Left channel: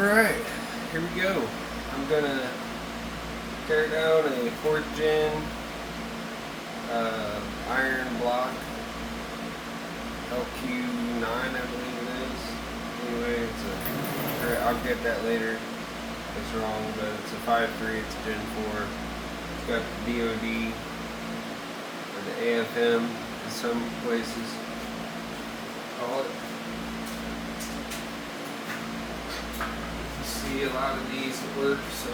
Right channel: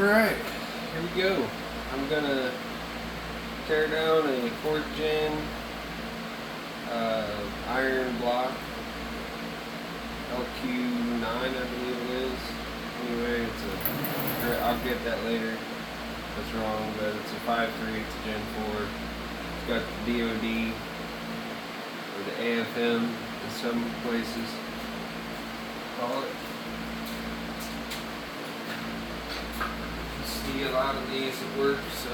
Alright, here we go. I'm gonna tear down a 4th gen iron block LQ9, I believe it is. Anyway, I'll get that later. That's wrong, but it's a 5.3, it's a Gen 4. It's got the DOD or the AFM in some places. Call it. You see a lot of these at work, so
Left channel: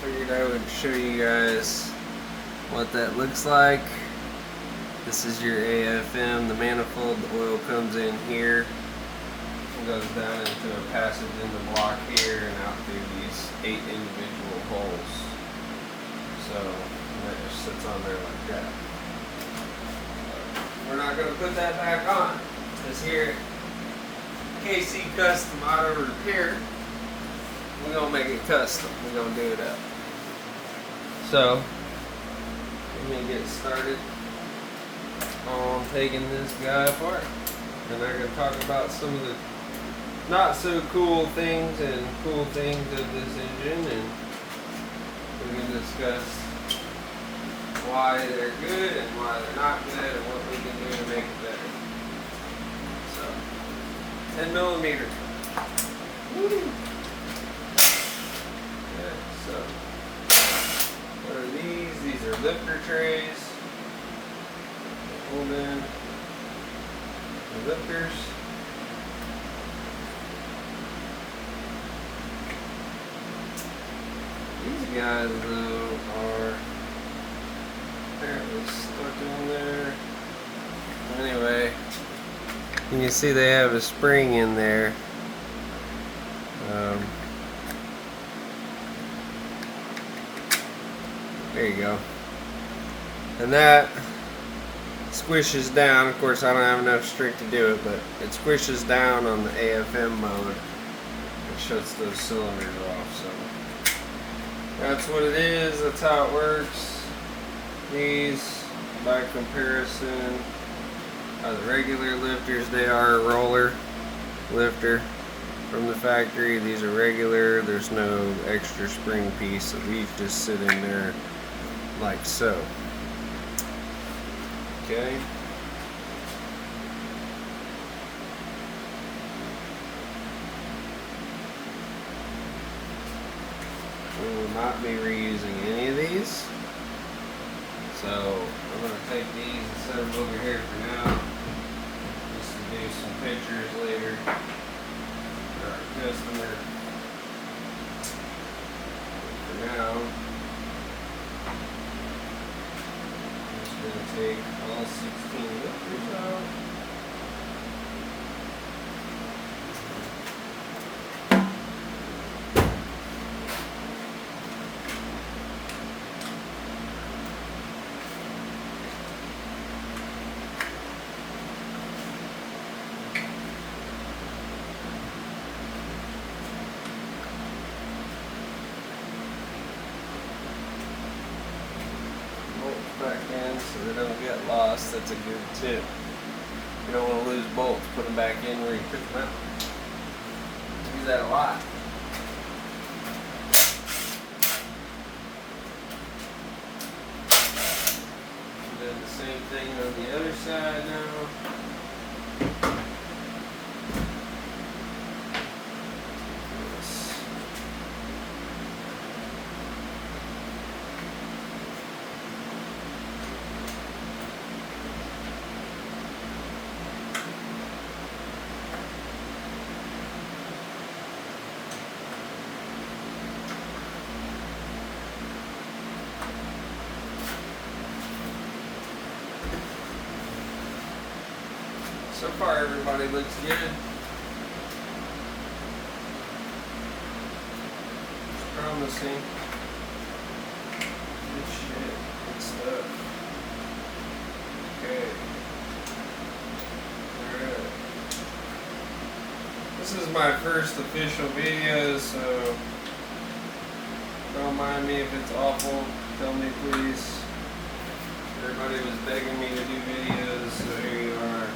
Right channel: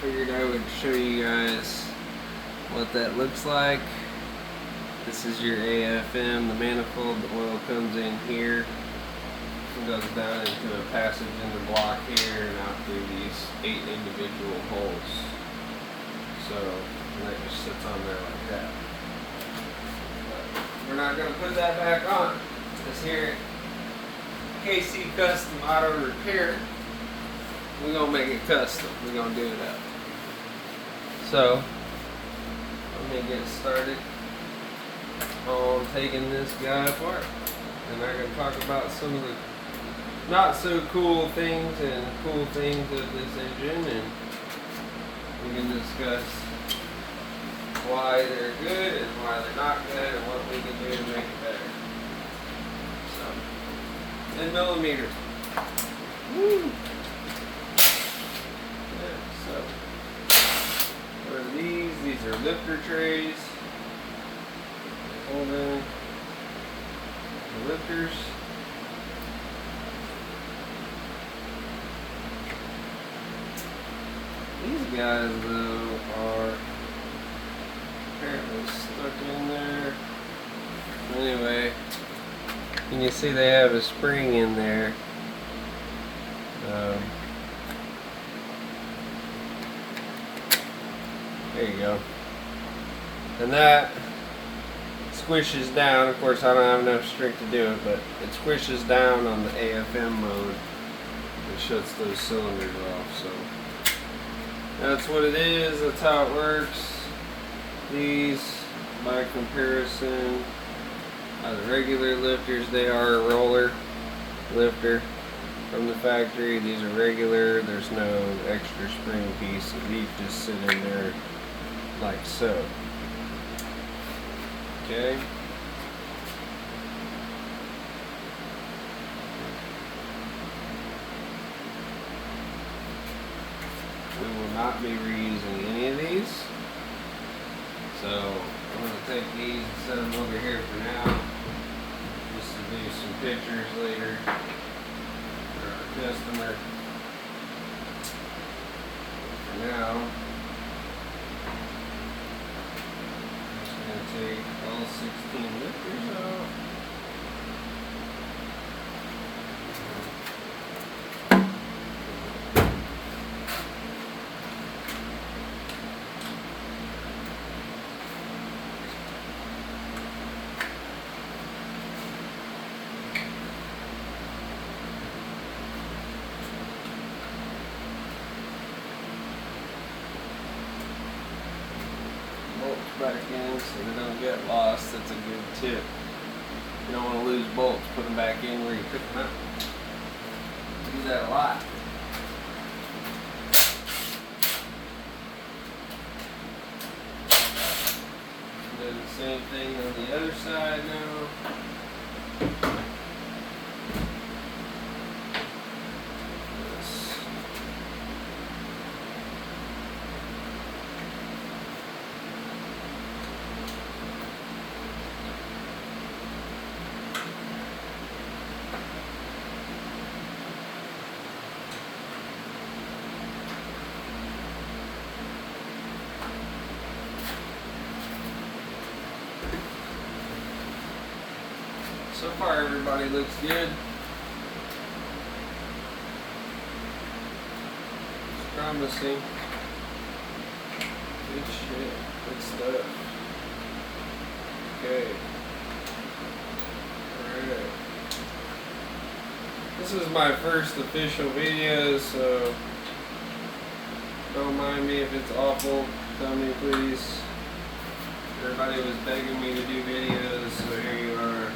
figured I would show you guys what that looks like. This is your AFM. The manifold, the oil comes in here and goes down into a passage in the block here and out through these 8 individual holes. So that just sits on there like that. We're not going to put that back on. This here KC Custom Auto Repair, we're going to make it custom. We're going to do it up. So let me get started on taking this guy apart, and I'm going to talk about some of the not so cool things and cool things of this engine, and we can discuss why they're good and why they're not good and what we can do to make it better. So 10 millimeters. Woo! Okay, so what are these? These are lifter trays. Hold in the lifters. These guys though are apparently stuck in there. Anyway, you can see they have a spring in there. There you go. And that squishes down. Of course, I don't have enough strength to do it, but it squishes down on the AFM mode. It shuts those cylinders off. So that's what it is. That's how it works. These, by comparison, are the regular lifters. They are a roller lifter from the factory. These are regular. There's no extra spring piece, so these just sit in there like so. Okay. We will not be reusing any of these. So I'm going to take these and set them over here for now, just to do some pictures later for our customer. For now, I'm just going to take all 16 lifters out. Back in so they don't get lost. That's a good tip. You don't want to lose bolts. Put them back in where you took them out. Do that a lot. Do the same thing on the other side now. So far, everybody looks good. It's promising. Good shit. Good stuff. Okay. Alright. This is my first official video, so don't mind me if it's awful. Tell me, please. Everybody was begging me to do videos, so here you are.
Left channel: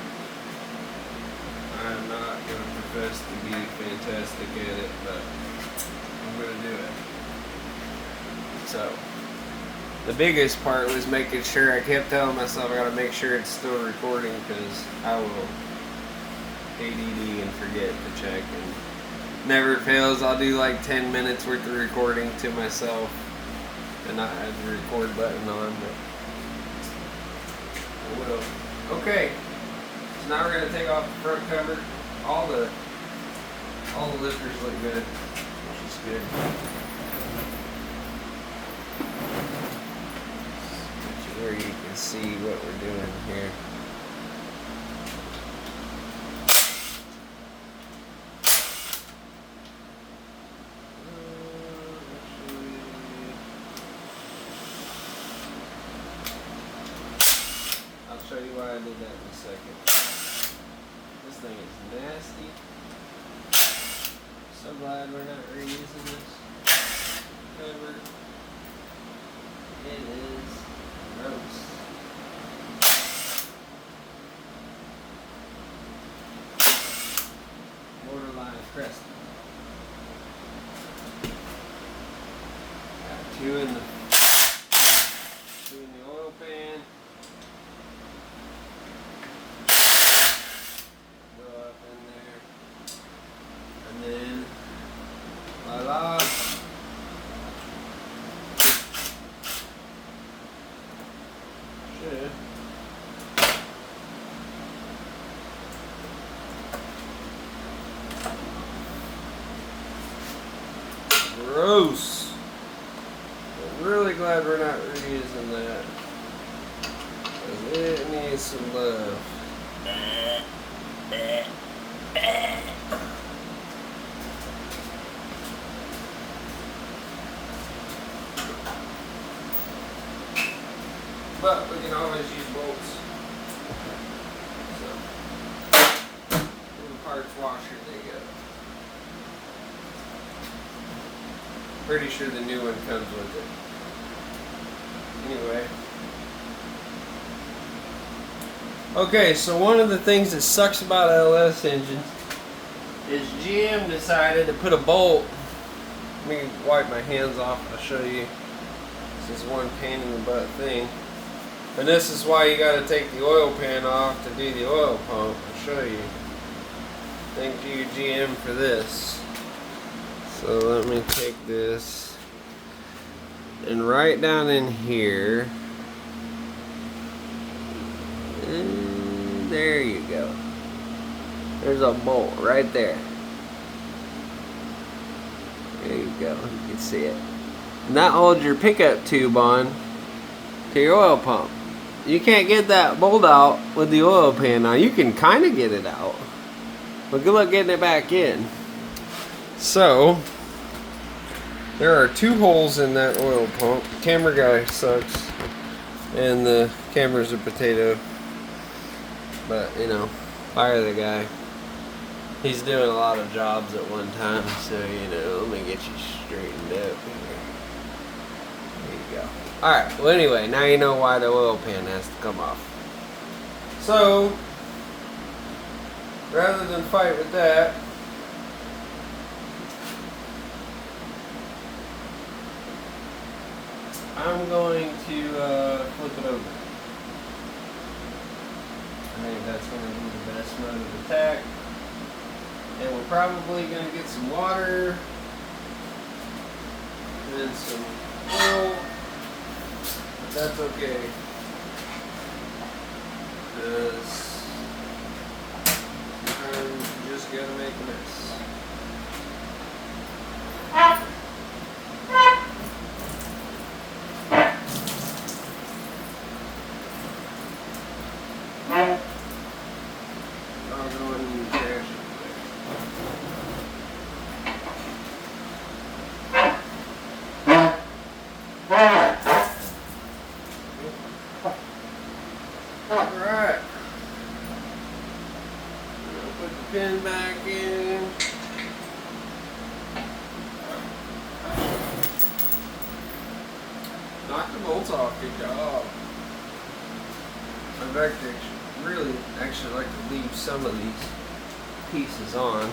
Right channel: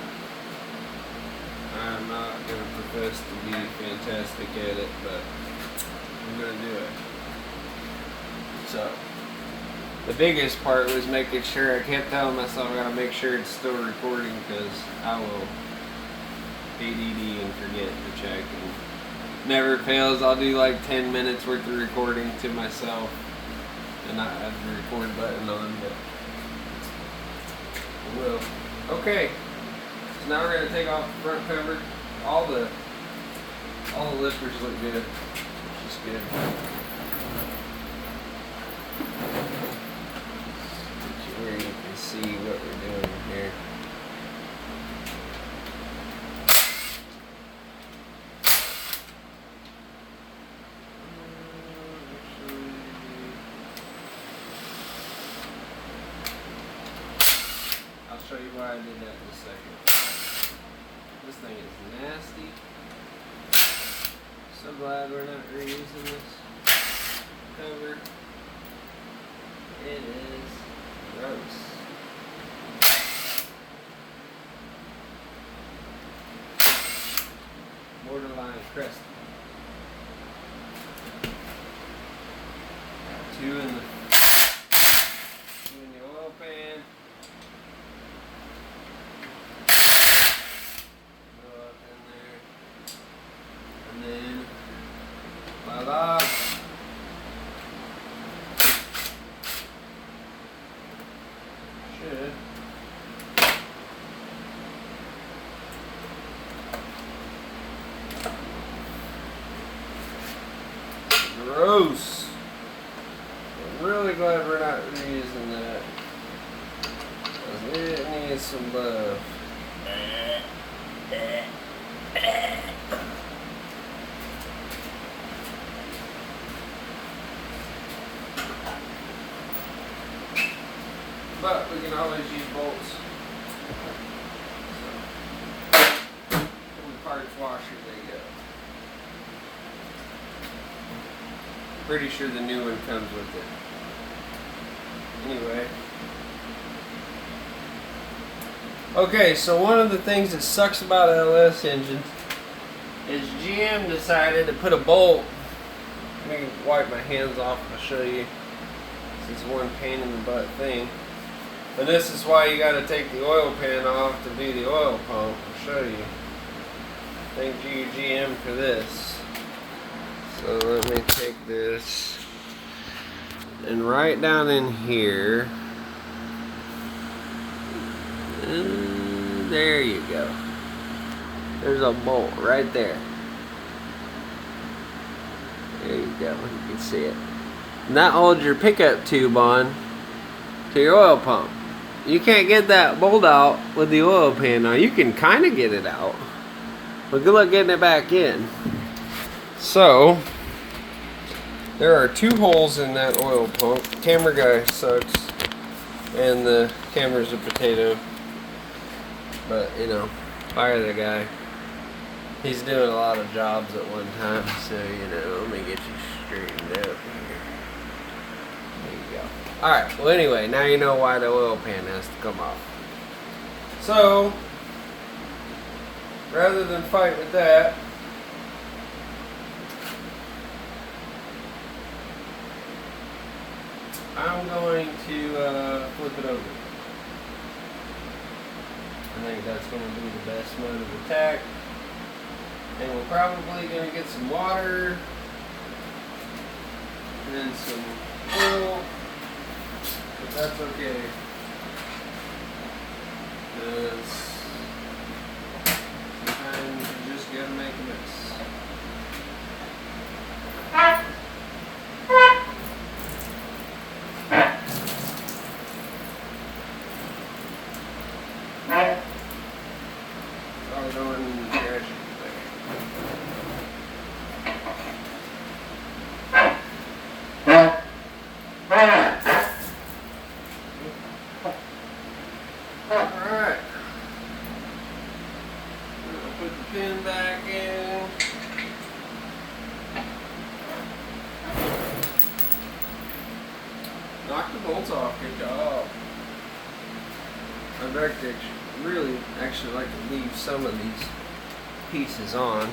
I'm not going to profess to be fantastic at it, but I'm gonna do it. So the biggest part was making sure, I kept telling myself I gotta make sure it's still recording, because I will ADD and forget to check, and never fails. I'll do like 10 minutes worth of recording to myself and not have the record button on, but I will. Okay, so now we're gonna take off the front cover. All the lifters look good, which is good. Where you can see what we're doing here. I'll show you why I did that in a second. This thing is nasty. So glad we're not reusing this cover. It is gross. Borderline crusty. Got two in the oil pan. Go up in there. And then voila. Should. Gross. I'm really glad we're not reusing that, because it needs some love. But we can always use bolts. So, in the parts washer, they go. Pretty sure the new one comes with it. Anyway. Okay, so one of the things that sucks about LS engines is GM decided to put a bolt. Let me wipe my hands off, I'll show you. This is one pain in the butt thing. And this is why you got to take the oil pan off to do the oil pump. I'll show you. Thank you, GM, for this. So let me take this and right down in here. And there you go. There's a bolt right there. There you go. You can see it. And that holds your pickup tube on to your oil pump. You can't get that bolt out with the oil pan on. You can kind of get it out, but good luck getting it back in. So there are two holes in that oil pump. Camera guy sucks, and the camera's a potato. But you know, fire the guy. He's doing a lot of jobs at one time, so you know, let me get you straightened up here. There you go. Alright, well anyway, now you know why the oil pan has to come off. So, rather than fight with that, I'm going to flip it over. I think that's going to be the best mode of attack. And we're probably going to get some water and some oil. That's okay, because sometimes you just gotta make a mess. I'll go in the trash. Alright. Put the pin back in. Knock the bolts off, good job. I'd like to really like to leave some of these pieces on.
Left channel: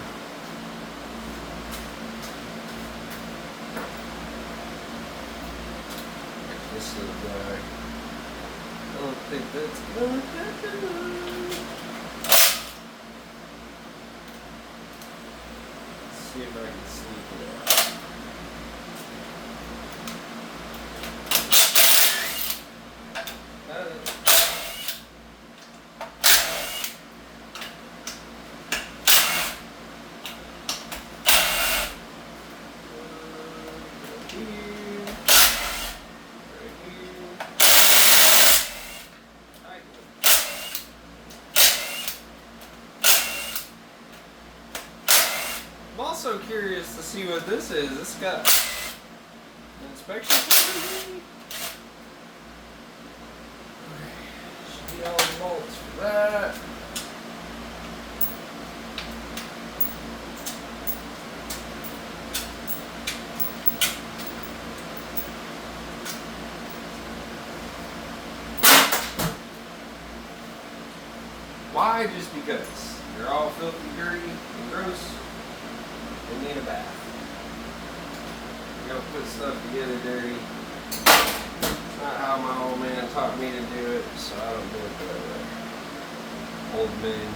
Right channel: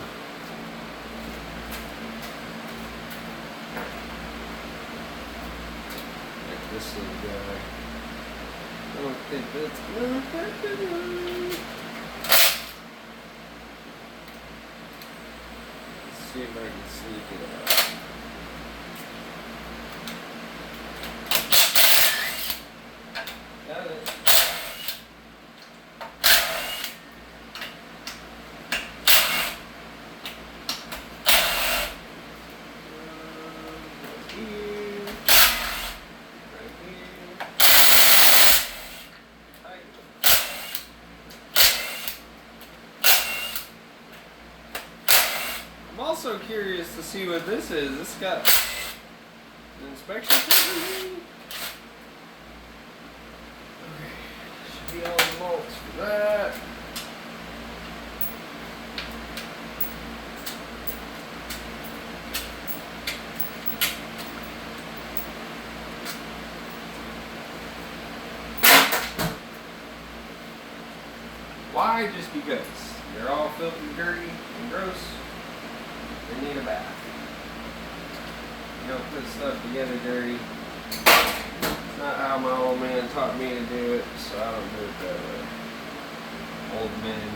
Like this little guy. I don't think that's gonna happen. Let's see if I can sneak it out. Got it. I'm also curious to see what this is. This got an inspection sticker. Should be all the bolts for that. Why? Just because they're all filthy, dirty, and gross. They need a bath. You don't put stuff together dirty. It's not how my old man taught me to do it, so I don't do it that way. Old man.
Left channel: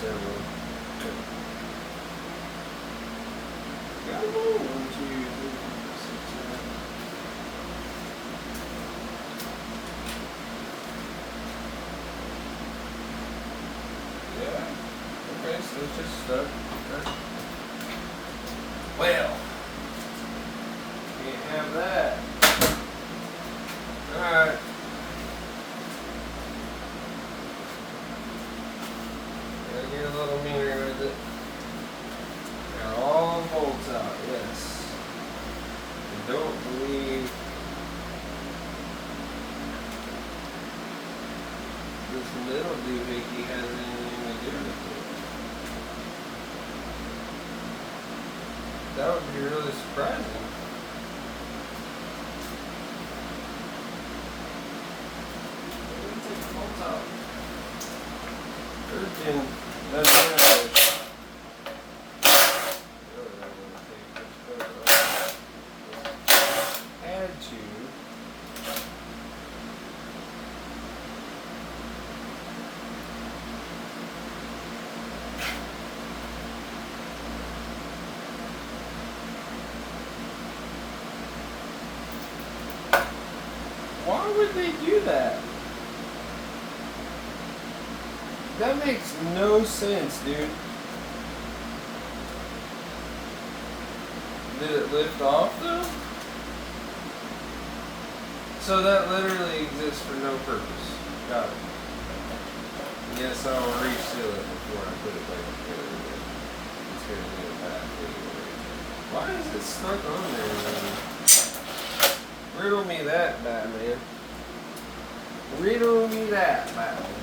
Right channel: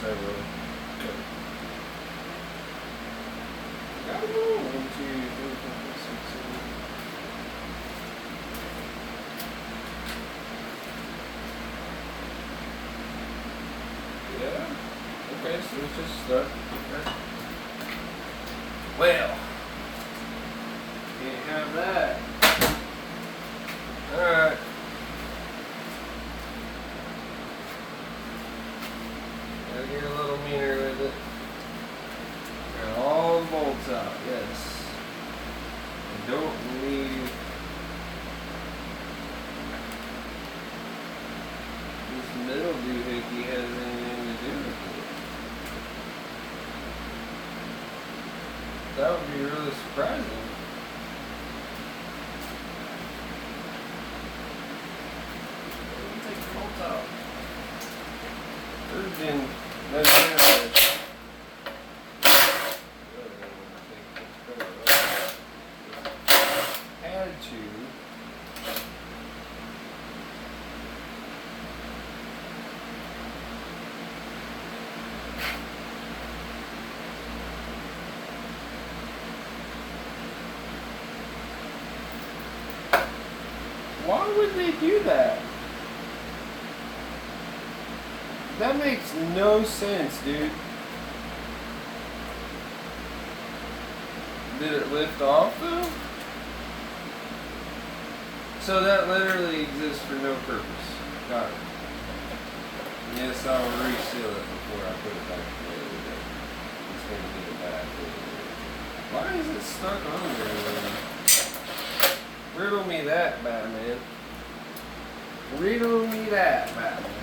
Several. Got them all. 1, 2, 3, 4, 5, 6, 7. Yeah. Okay, so it's just stuff. Okay. Well, can't have that. Alright. Gotta get a little meaner with it. Got all the bolts out, yes. I don't believe this middle doohickey has anything to do with it. That would be really surprising. Let me take the bolts out. Virgin doesn't have it. Had to. Why would they do that? That makes no sense, dude. Did it lift off though? So that literally exists for no purpose. Got it. Yes, I'll reseal it before I put it back together. It's gonna be a bad thing. Why is it stuck on there, man? Riddle me that, Batman. Riddle me that, Batman.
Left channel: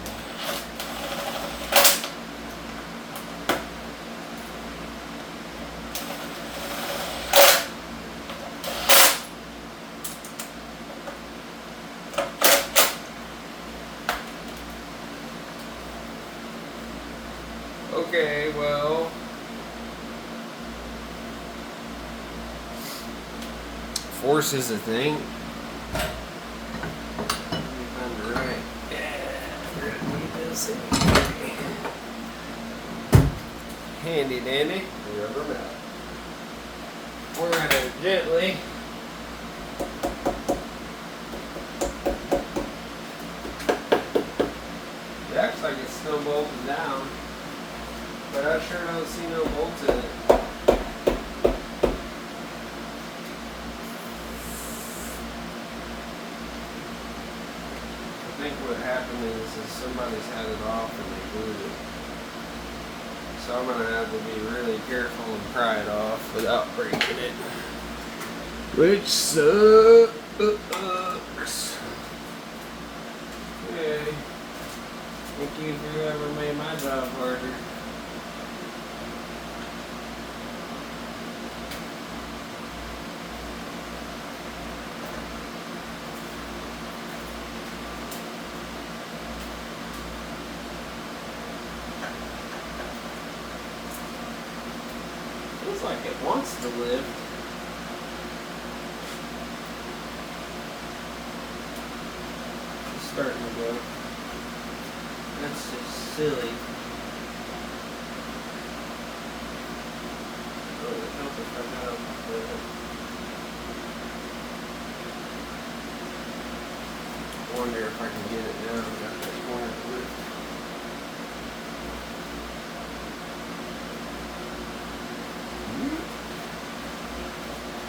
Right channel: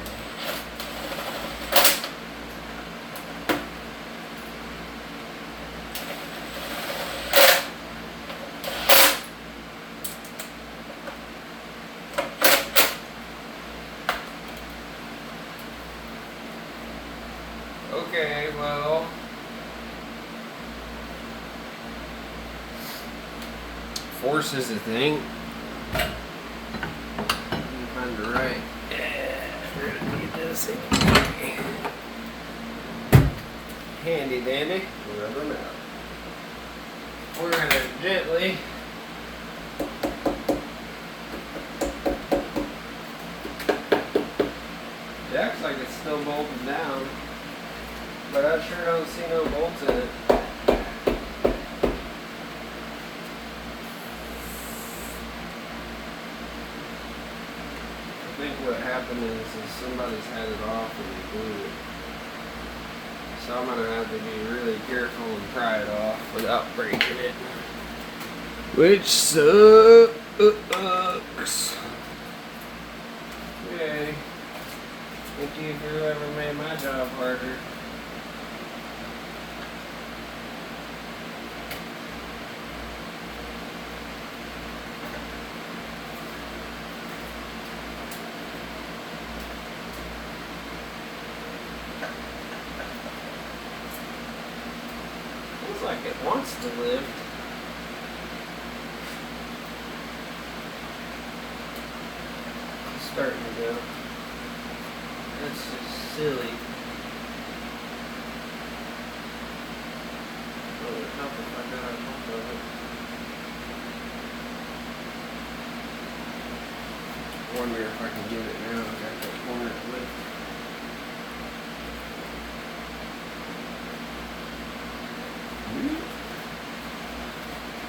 Okay, well. Force is a thing. Find the right. Yeah, we're gonna need this handy dandy. We'll rub them out. We're gonna gently it acts like it's still bolted down, but I sure don't see no bolts in it. I think what happened is somebody's had it off and they glued it. So I'm gonna have to be really careful and pry it off without breaking it. Which sucks. Okay. Thank you for whoever made my job harder. Feels like it wants to lift. It's starting to go. That's just silly. Oh, it'd help if I got off of it. I wonder if I can get it now. I've got that corner to lift.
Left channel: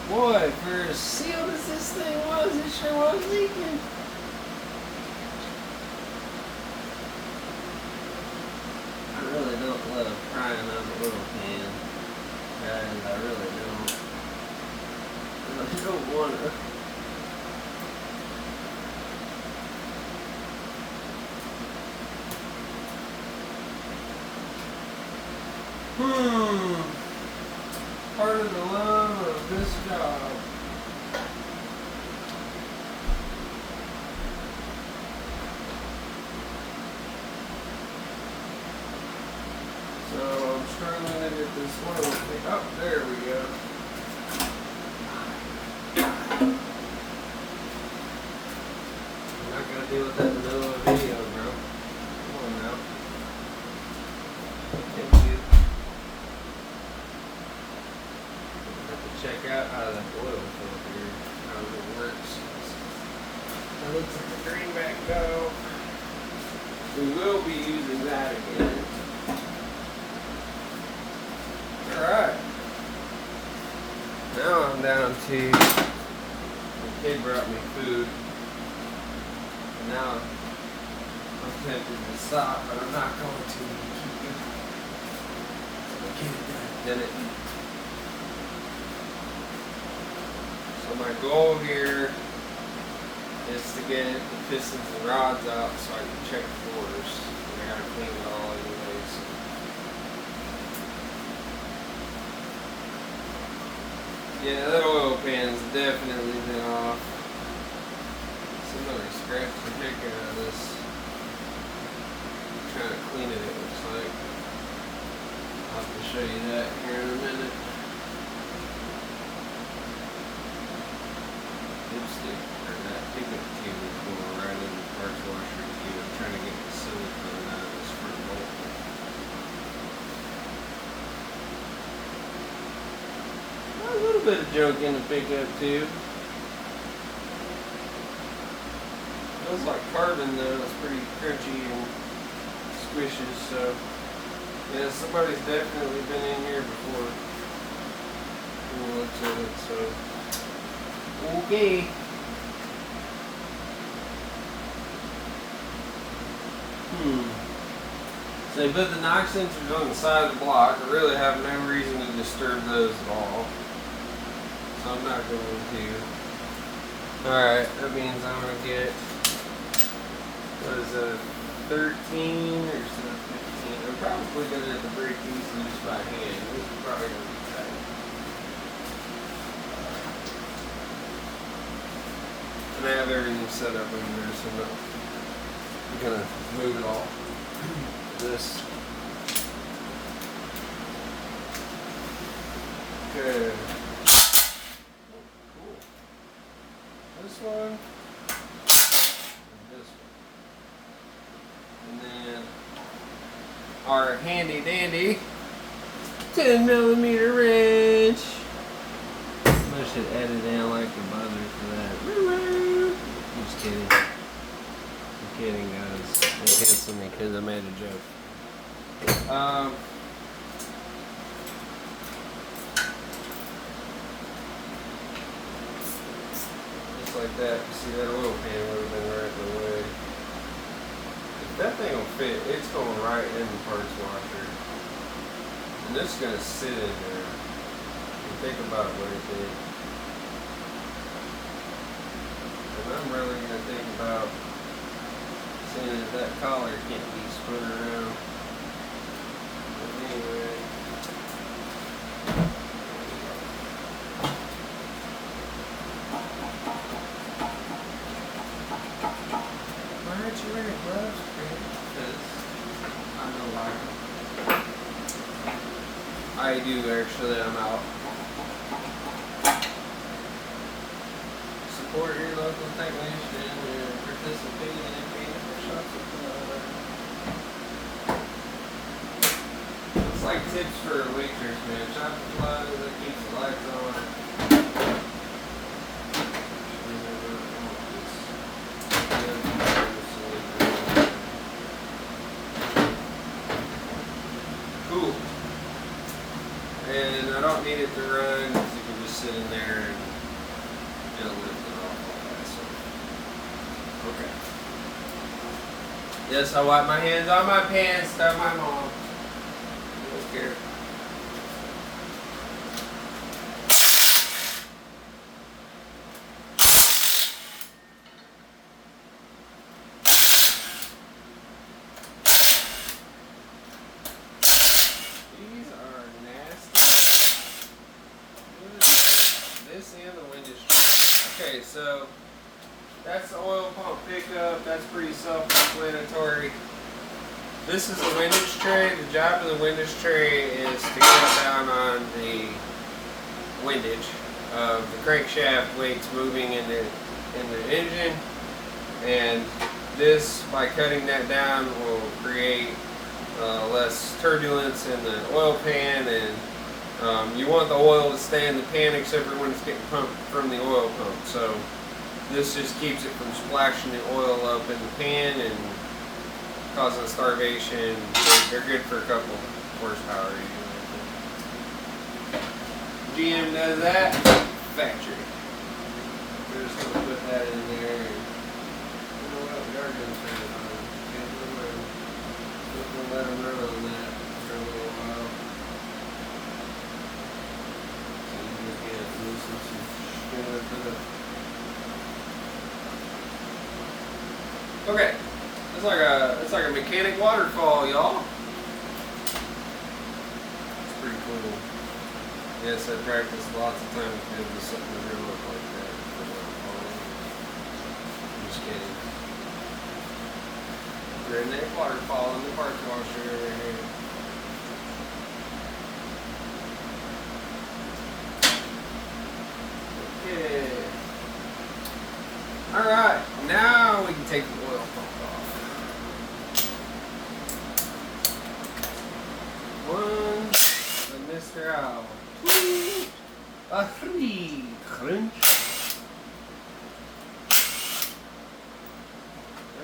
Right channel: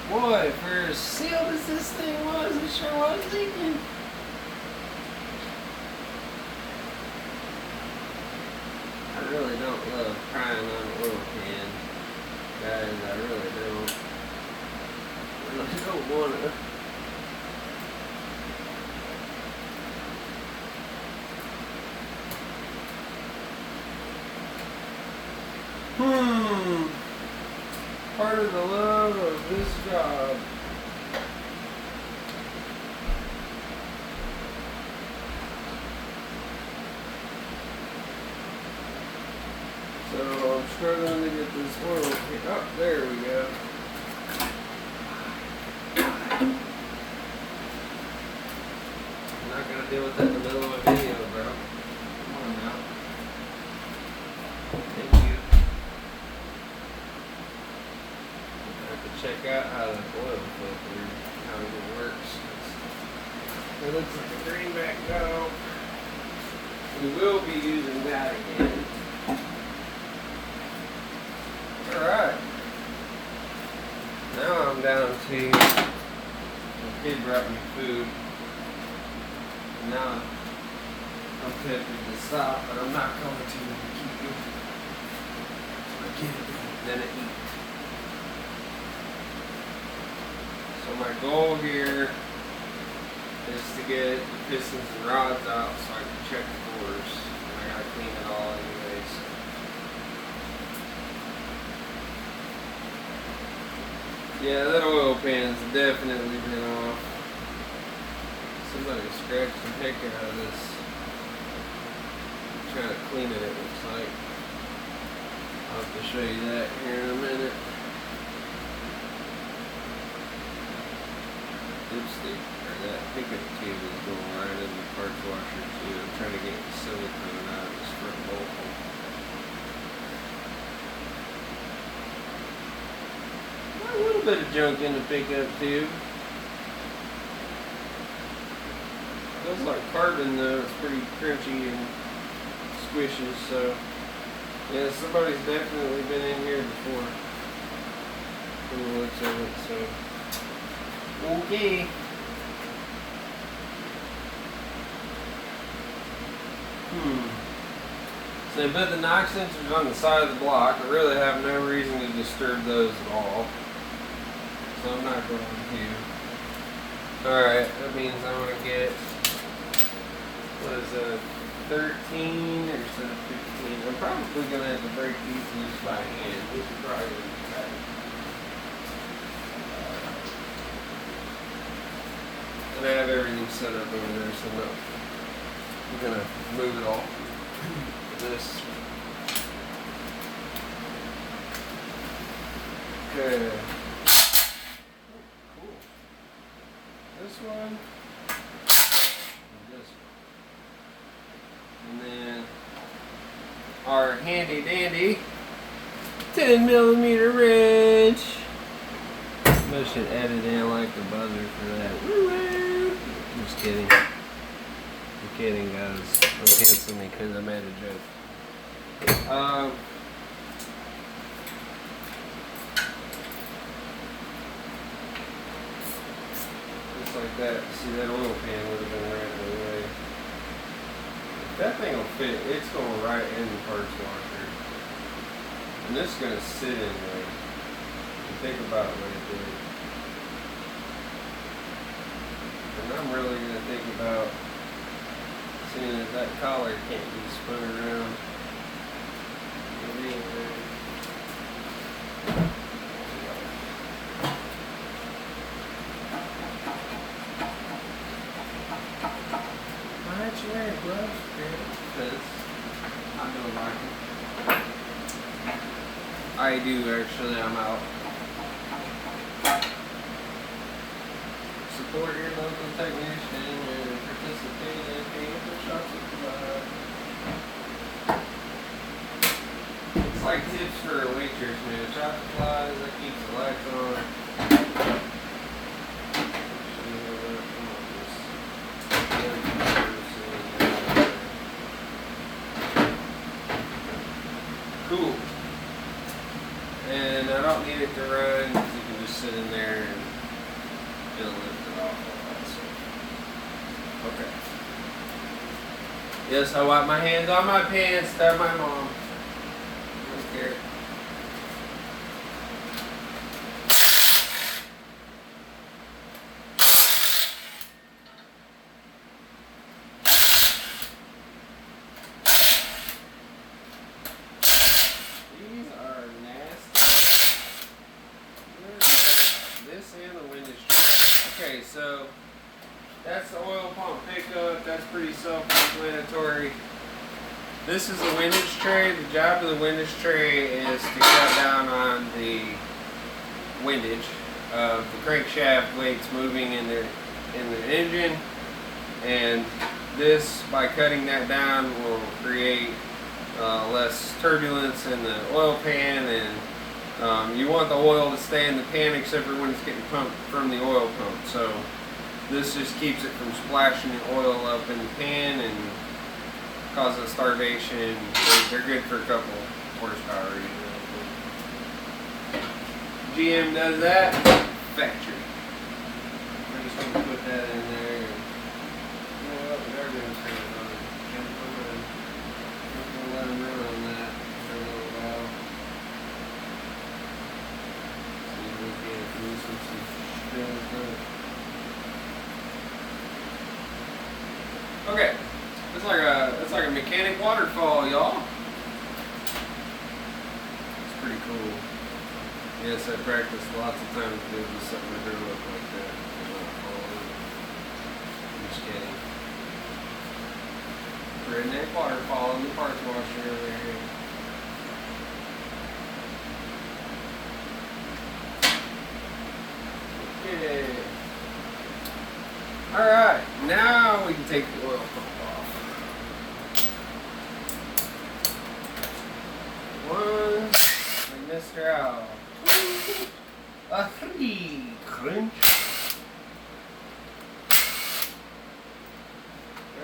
Boy, for as sealed as this thing was, it sure was leaking. I really don't love crying on a little pan. Guys, I really don't. I don't wanna. Part of the love of this job. So I'm struggling to get this one. Oh, there we go. I'm not gonna deal with that in the middle of a video, bro. Come on now. Thank you. I have to check out how the oil filter, how it works. It looks like a greenback though. We will be using that again. Alright. Now I'm down to, the kid brought me food. And now I'm tempted to stop, but I'm not going to keep going. I'll get it done, then eat. So my goal here is to get the pistons and rods out so I can check the floors. I gotta clean it all anyways. Yeah, that oil pan's definitely been off. Somebody scratched the heck out of this. I'm trying to clean it looks like. I'll have to show you that here in a minute. Dipstick, or that pickup tube is going right in the parts washer too. I'm trying to get the silicone out of this front bolt. A little bit of junk in the pickup tube. Feels like carbon though, it's pretty crunchy and squishy, so yeah, somebody's definitely been in here before from the looks of it, so okay. So they put the knock sensors on the side of the block. I really have no reason to disturb those at all. So I'm not going to. Alright, that means I'm going to get, what is that, 13 or 15? I'm probably going to have to break these loose by hand. This is probably going to be tight. And I have everything set up over there, so I'm going to move it all. This. Okay. Oh, cool. This one. And this one. And then our handy dandy 10mm wrench. I should edit in like the buzzer for that. Just kidding. I'm kidding, guys. Don't cancel me because I made a joke. Just like that. See, that oil pan would have been right in the way. If that thing will fit, it's going right in the parts washer. And this is going to sit in there. And think about what it did. And I'm really going to think about seeing as that collar can't be spun around. But anyway. Why aren't you wearing gloves, Greg? Because I don't like them. I I do actually. I'm out. Support your local technician and participate in being for shots of blood. Looks like tips for a waitress, man. Shot the blood that keeps the lights on. Cool. And I don't need it to run because you can just sit in there and it'll lift it off by itself. Okay. Yes, I wipe my hands on my pants. That's my mom. I don't care. These are nasty. This and the windage tray. Okay, so that's the oil pump pickup. That's pretty self-explanatory. This is a windage tray. The job of the windage tray is to cut down on the windage of the crankshaft weights moving in the engine, and this, by cutting that down, will create less turbulence in the oil pan, and you want the oil to stay in the pan except for when it's getting pumped from the oil pump. So this just keeps it from splashing the oil up in the pan and causing starvation. They're good for a couple horsepower usually. GM does that. Factory. We're just going to put that in there. And, you know what? We are going to turn it on. We'll let them run on that for a little while. We'll get it loosen some shit up. Okay. It's like a mechanic waterfall, y'all. It's pretty cool. Yes, I practiced lots of times. Maybe something to look like that. I'm just kidding. We're in that waterfall in the parts washer right here. Okay. All right. Now we can take the oil pump off. One, like Mr. Owl. Two, a three, crunch.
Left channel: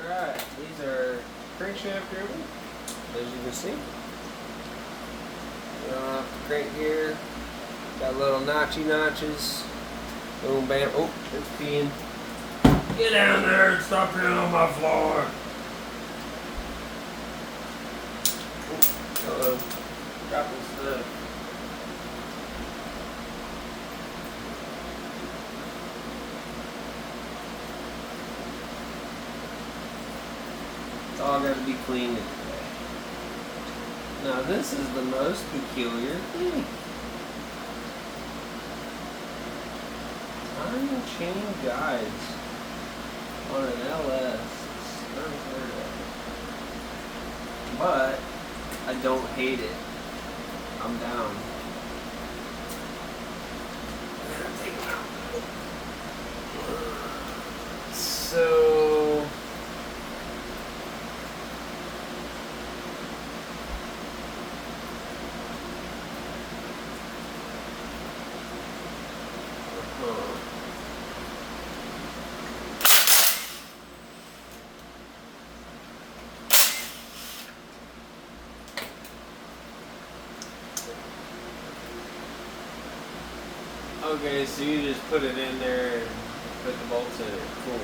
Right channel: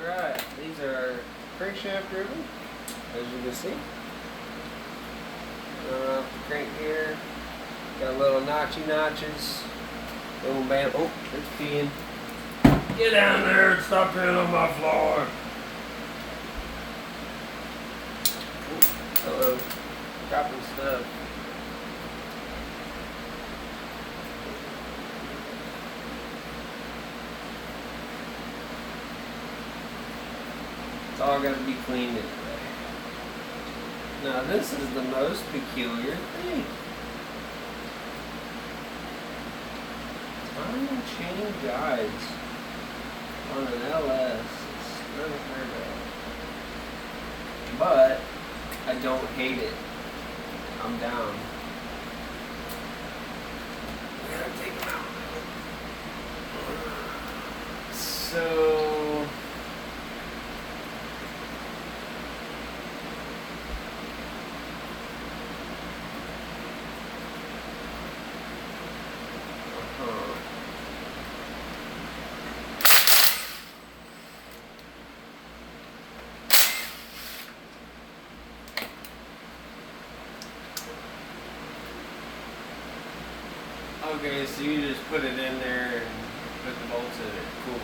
Alright, these are crankshaft driven, as you can see. Going off the crank gear. Got little notches. Boom, bam. Oh, it's peeing. Get down there and stop peeing on my floor. Oh, hello. Dropping stuff. It's all got to be cleaned today. Now this is the most peculiar thing. Time chain guides on an LS. It's unheard of. But I don't hate it. I'm down. I gotta take them out. So okay, so you just put it in there and put the bolts in it. Cool.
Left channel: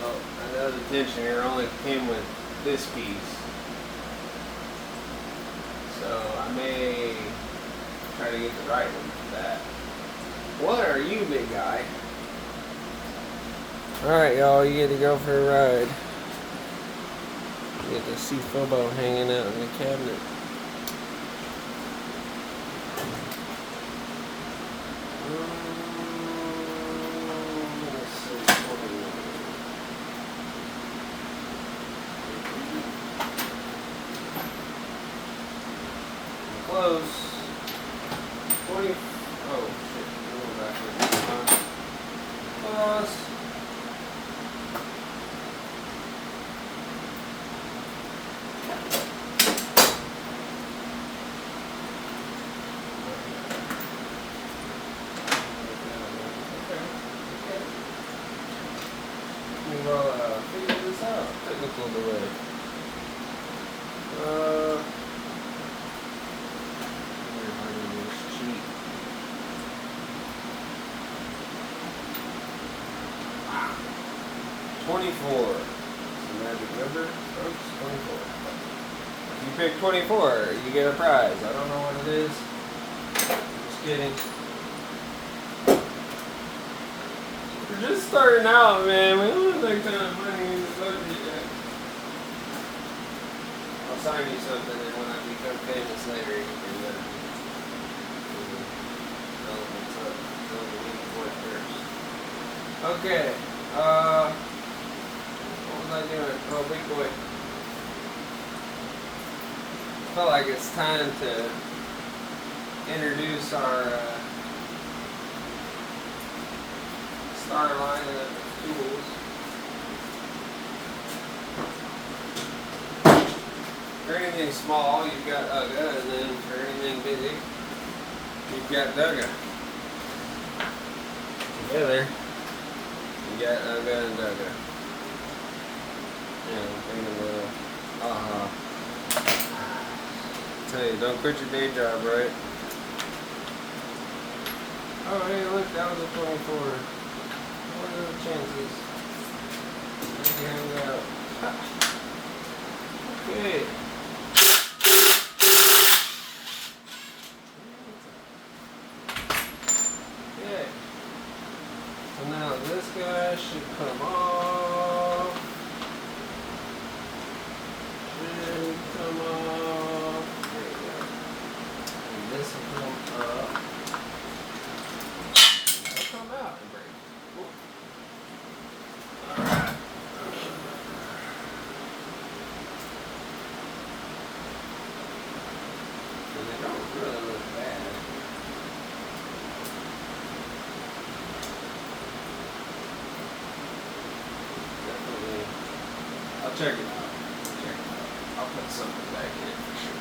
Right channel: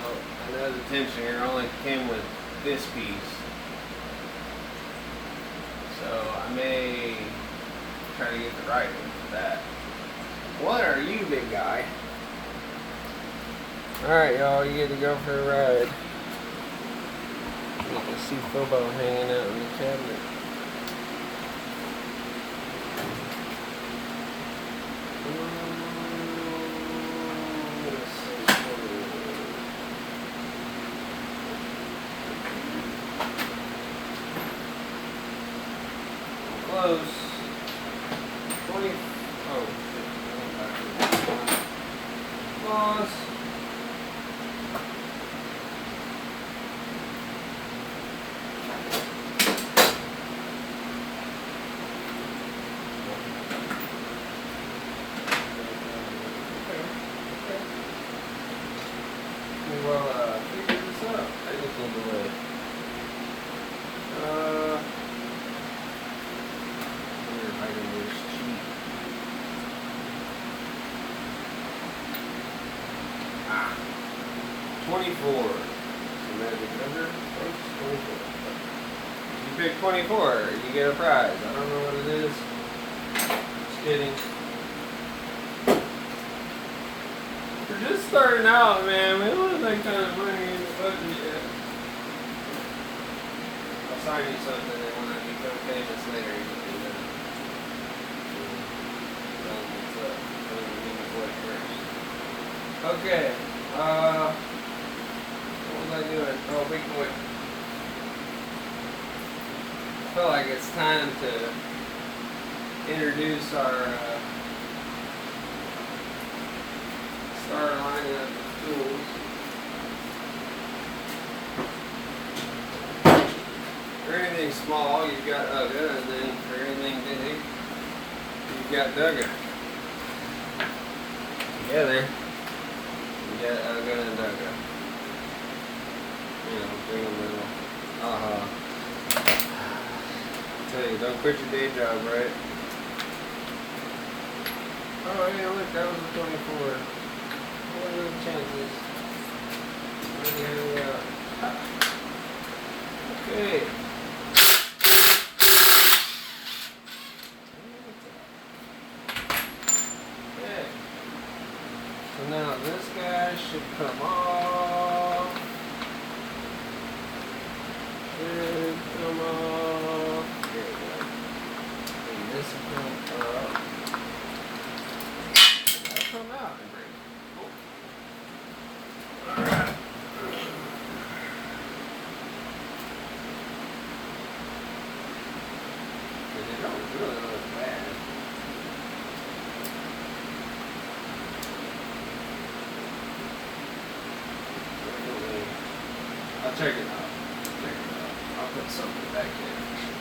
Well, another tensioner only came with this piece. So I may try to get the right one for that. What are you, big guy? Alright, y'all, you get to go for a ride. You get to see Fobo hanging out in the cabinet. Close. 20. Oh shit! Going back. Pause. Well, figure this out. Technical delay. Here, I can just cheat. 24. The magic number, folks. 24. If you pick 24, you get a prize. I don't know what it is. Just kidding. We're just starting out, man. We don't have like kind of money in the budget yet. I'll sign you something, and when I become famous later, you can do that. Tell them what's up. Tell them you need to work first. Okay. What was I doing? Well, big boy. I felt like it's time to introduce our star line of tools. For anything small, you've got UGA, and then for anything big, you've got DUGA. Together, you got UGA and DUGA. You know, big and little. I tell you, don't quit your day job, right? Oh, hey, look, that was a 24. What are the chances? Okay. Okay. So now this guy should come off. Should come off. There we go. And this will come up. That'll come out and break. Cool. Alright. So they don't really look bad. Definitely. I'll check it out. I'll put something back in for sure.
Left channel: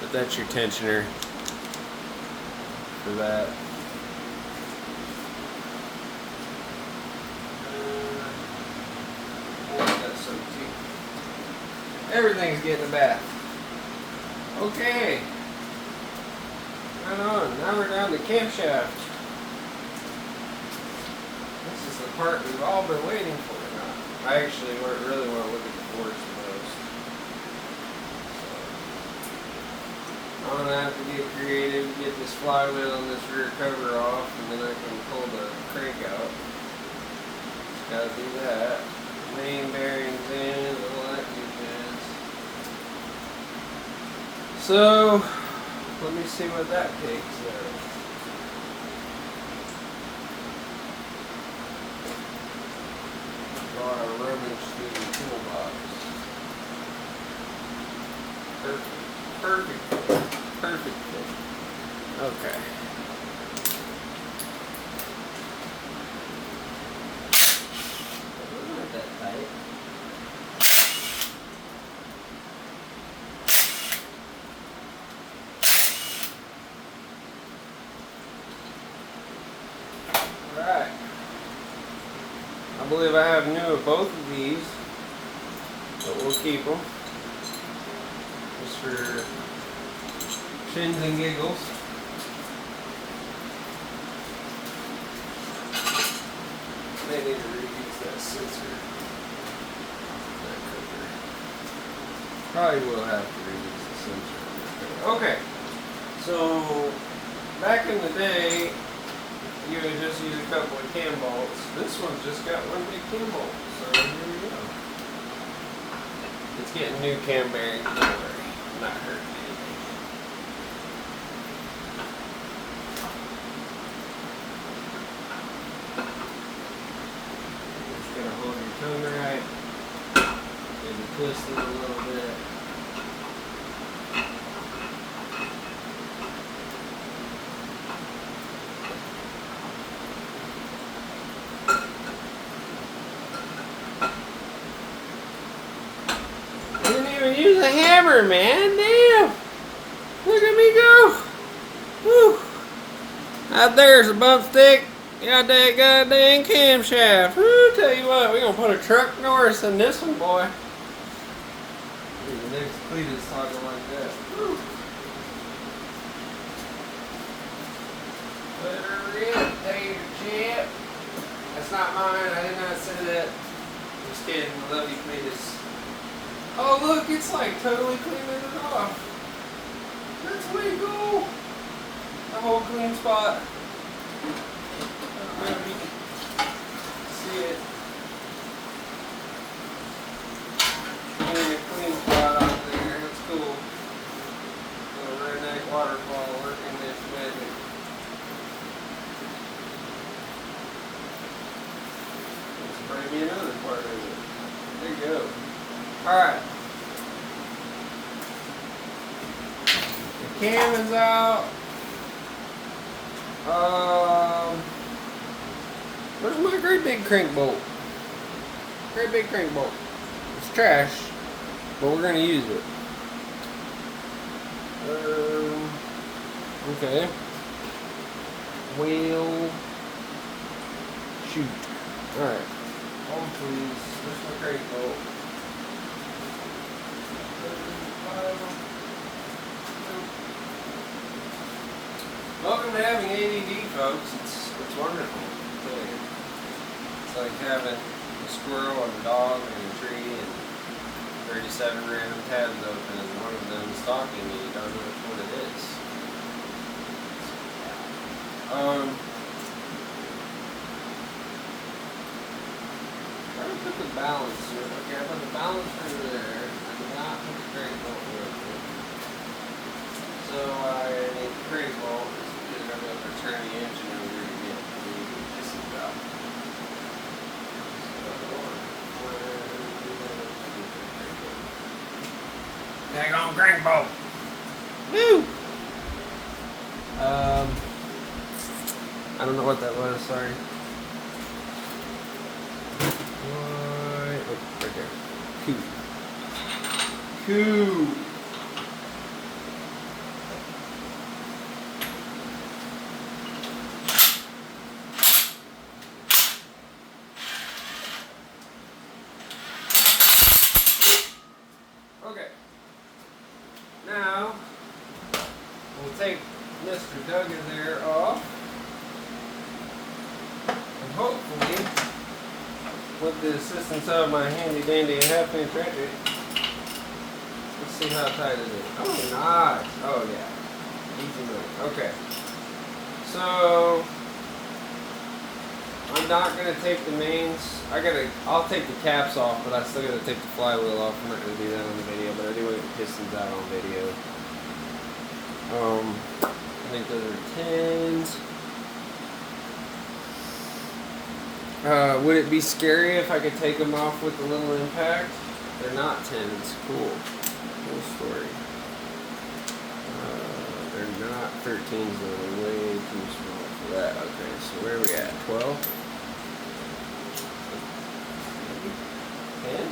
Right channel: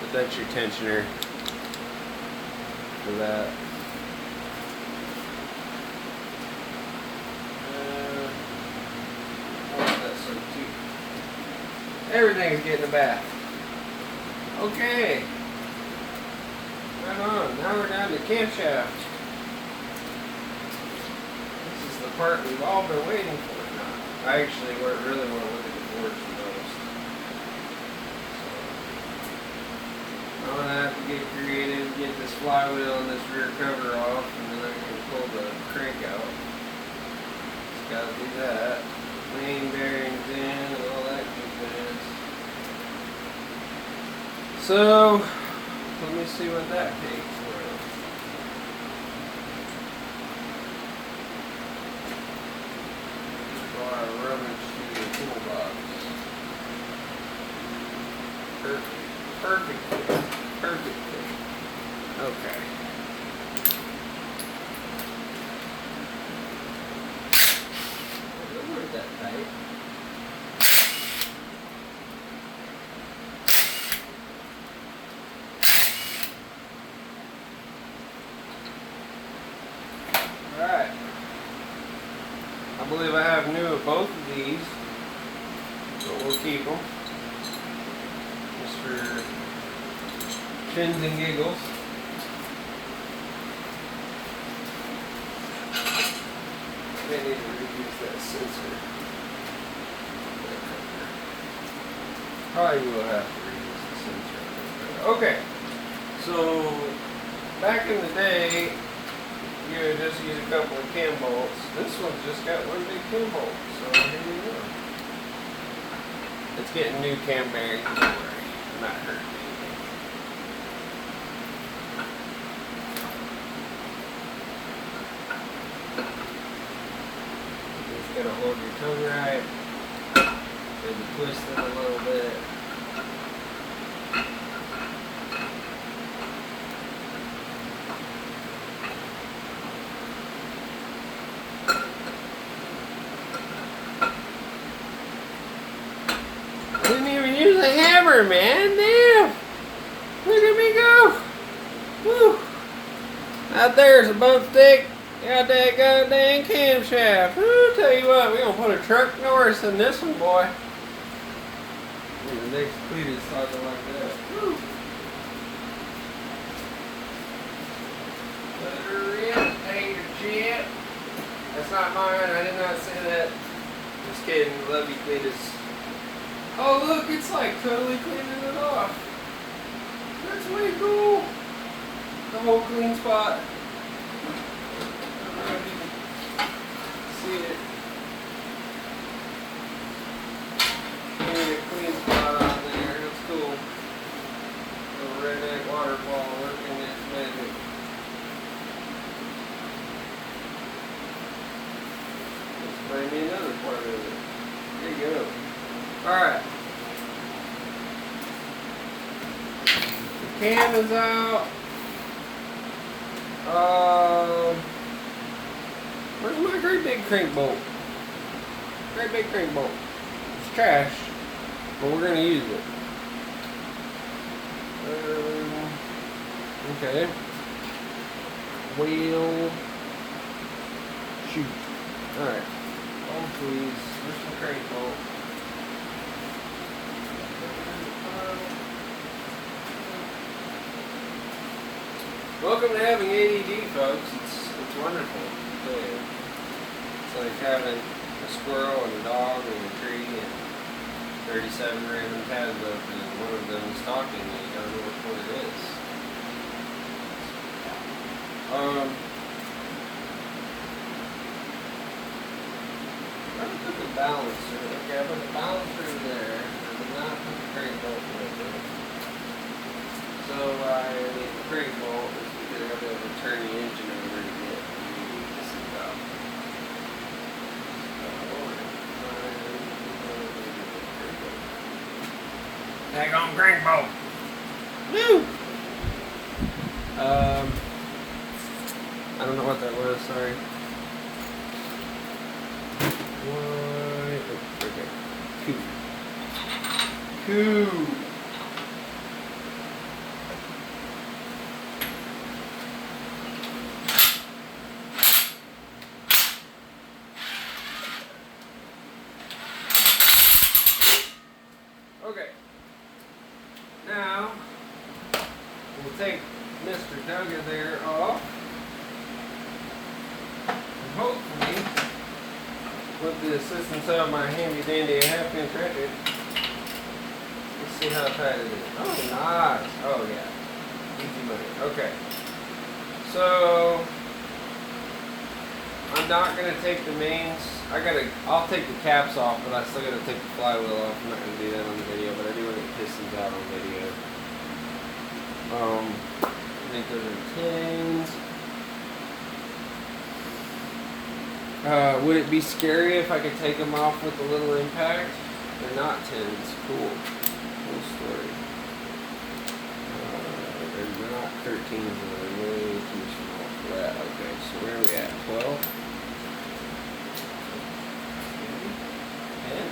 But that's your tensioner for that. Everything's getting a bath. Okay. Right on. Now we're down to camshaft. This is the part we've all been waiting for now. I actually really want to look at the boards the most. So I'm going to have to get creative, get this flywheel and this rear cover off, and then I can pull the crank out. Just got to do that. Main bearings in, all that good things. So, let me see what that takes now. Draw a rummage through the toolbox. Perfect. Okay. Those weren't that tight. Alright. I believe I have new of both of these, but we'll keep them just for shins and giggles. They need to reuse that sensor. Probably will have to reuse the sensor. Okay, so back in the day, you would just use a couple of cam bolts. This one's just got one big cam bolt, so here we go. It's getting new cam bearings, don't worry. I'm not hurting anything. Just gotta hold your tongue right. Maybe twist it a little bit. the hammer, man. Damn. Look at me go. Woo. Out there's a bump stick. Got that goddamn camshaft. Woo, tell you what, we're going to put a truck Norris in this one, boy. And the next cleat is talking like that. Woo. Put her in, tater chip. That's not mine. I did not say that. Just kidding. I love you, Cletus. Oh, look, it's like totally cleaning it off. That's way cool. The whole clean spot. See it. Clean spot out there. That's cool. A redneck waterfall working this magic. Let's spray me another part of it. There you go. Alright. The cam is out. Where's my great big crank bolt? Great big crank bolt. It's trash, but we're gonna use it. Okay. Well, shoot. Alright. Oh please. Where's my crank bolt? Welcome to having ADD, folks. It's wonderful. Yeah. It's like having a squirrel and a dog and a tree and 37 random tabs open and one of them is talking and you don't know which one it is. Where did I put the balance through? Okay, I put the balance through there. I did not put the crank bolt through there. So I need the crank bolt. I'll be able to turn the engine over to get this is out. Daggone crank bolt. Woo! I don't know what that was, sorry. What? Oh, okay. Two. Okay. Now, we'll take Mr. Duggan there off. And hopefully, with the assistance of my handy dandy half-inch wrench, let's see how tight it is. Oh, nice. Oh, yeah. Easy with it. Okay. So, I'm not going to take the mains. I'll take the caps off, but I still got to take the flywheel off. I'm not going to do that on the video, but I do want to get pistons out on video. I think those are 10s. Would it be scary if I could take them off with a little impact? They're not 10s. Cool. Cool story. They're not 13s, they're way too small for that. Okay, so where are we at? 12? 10?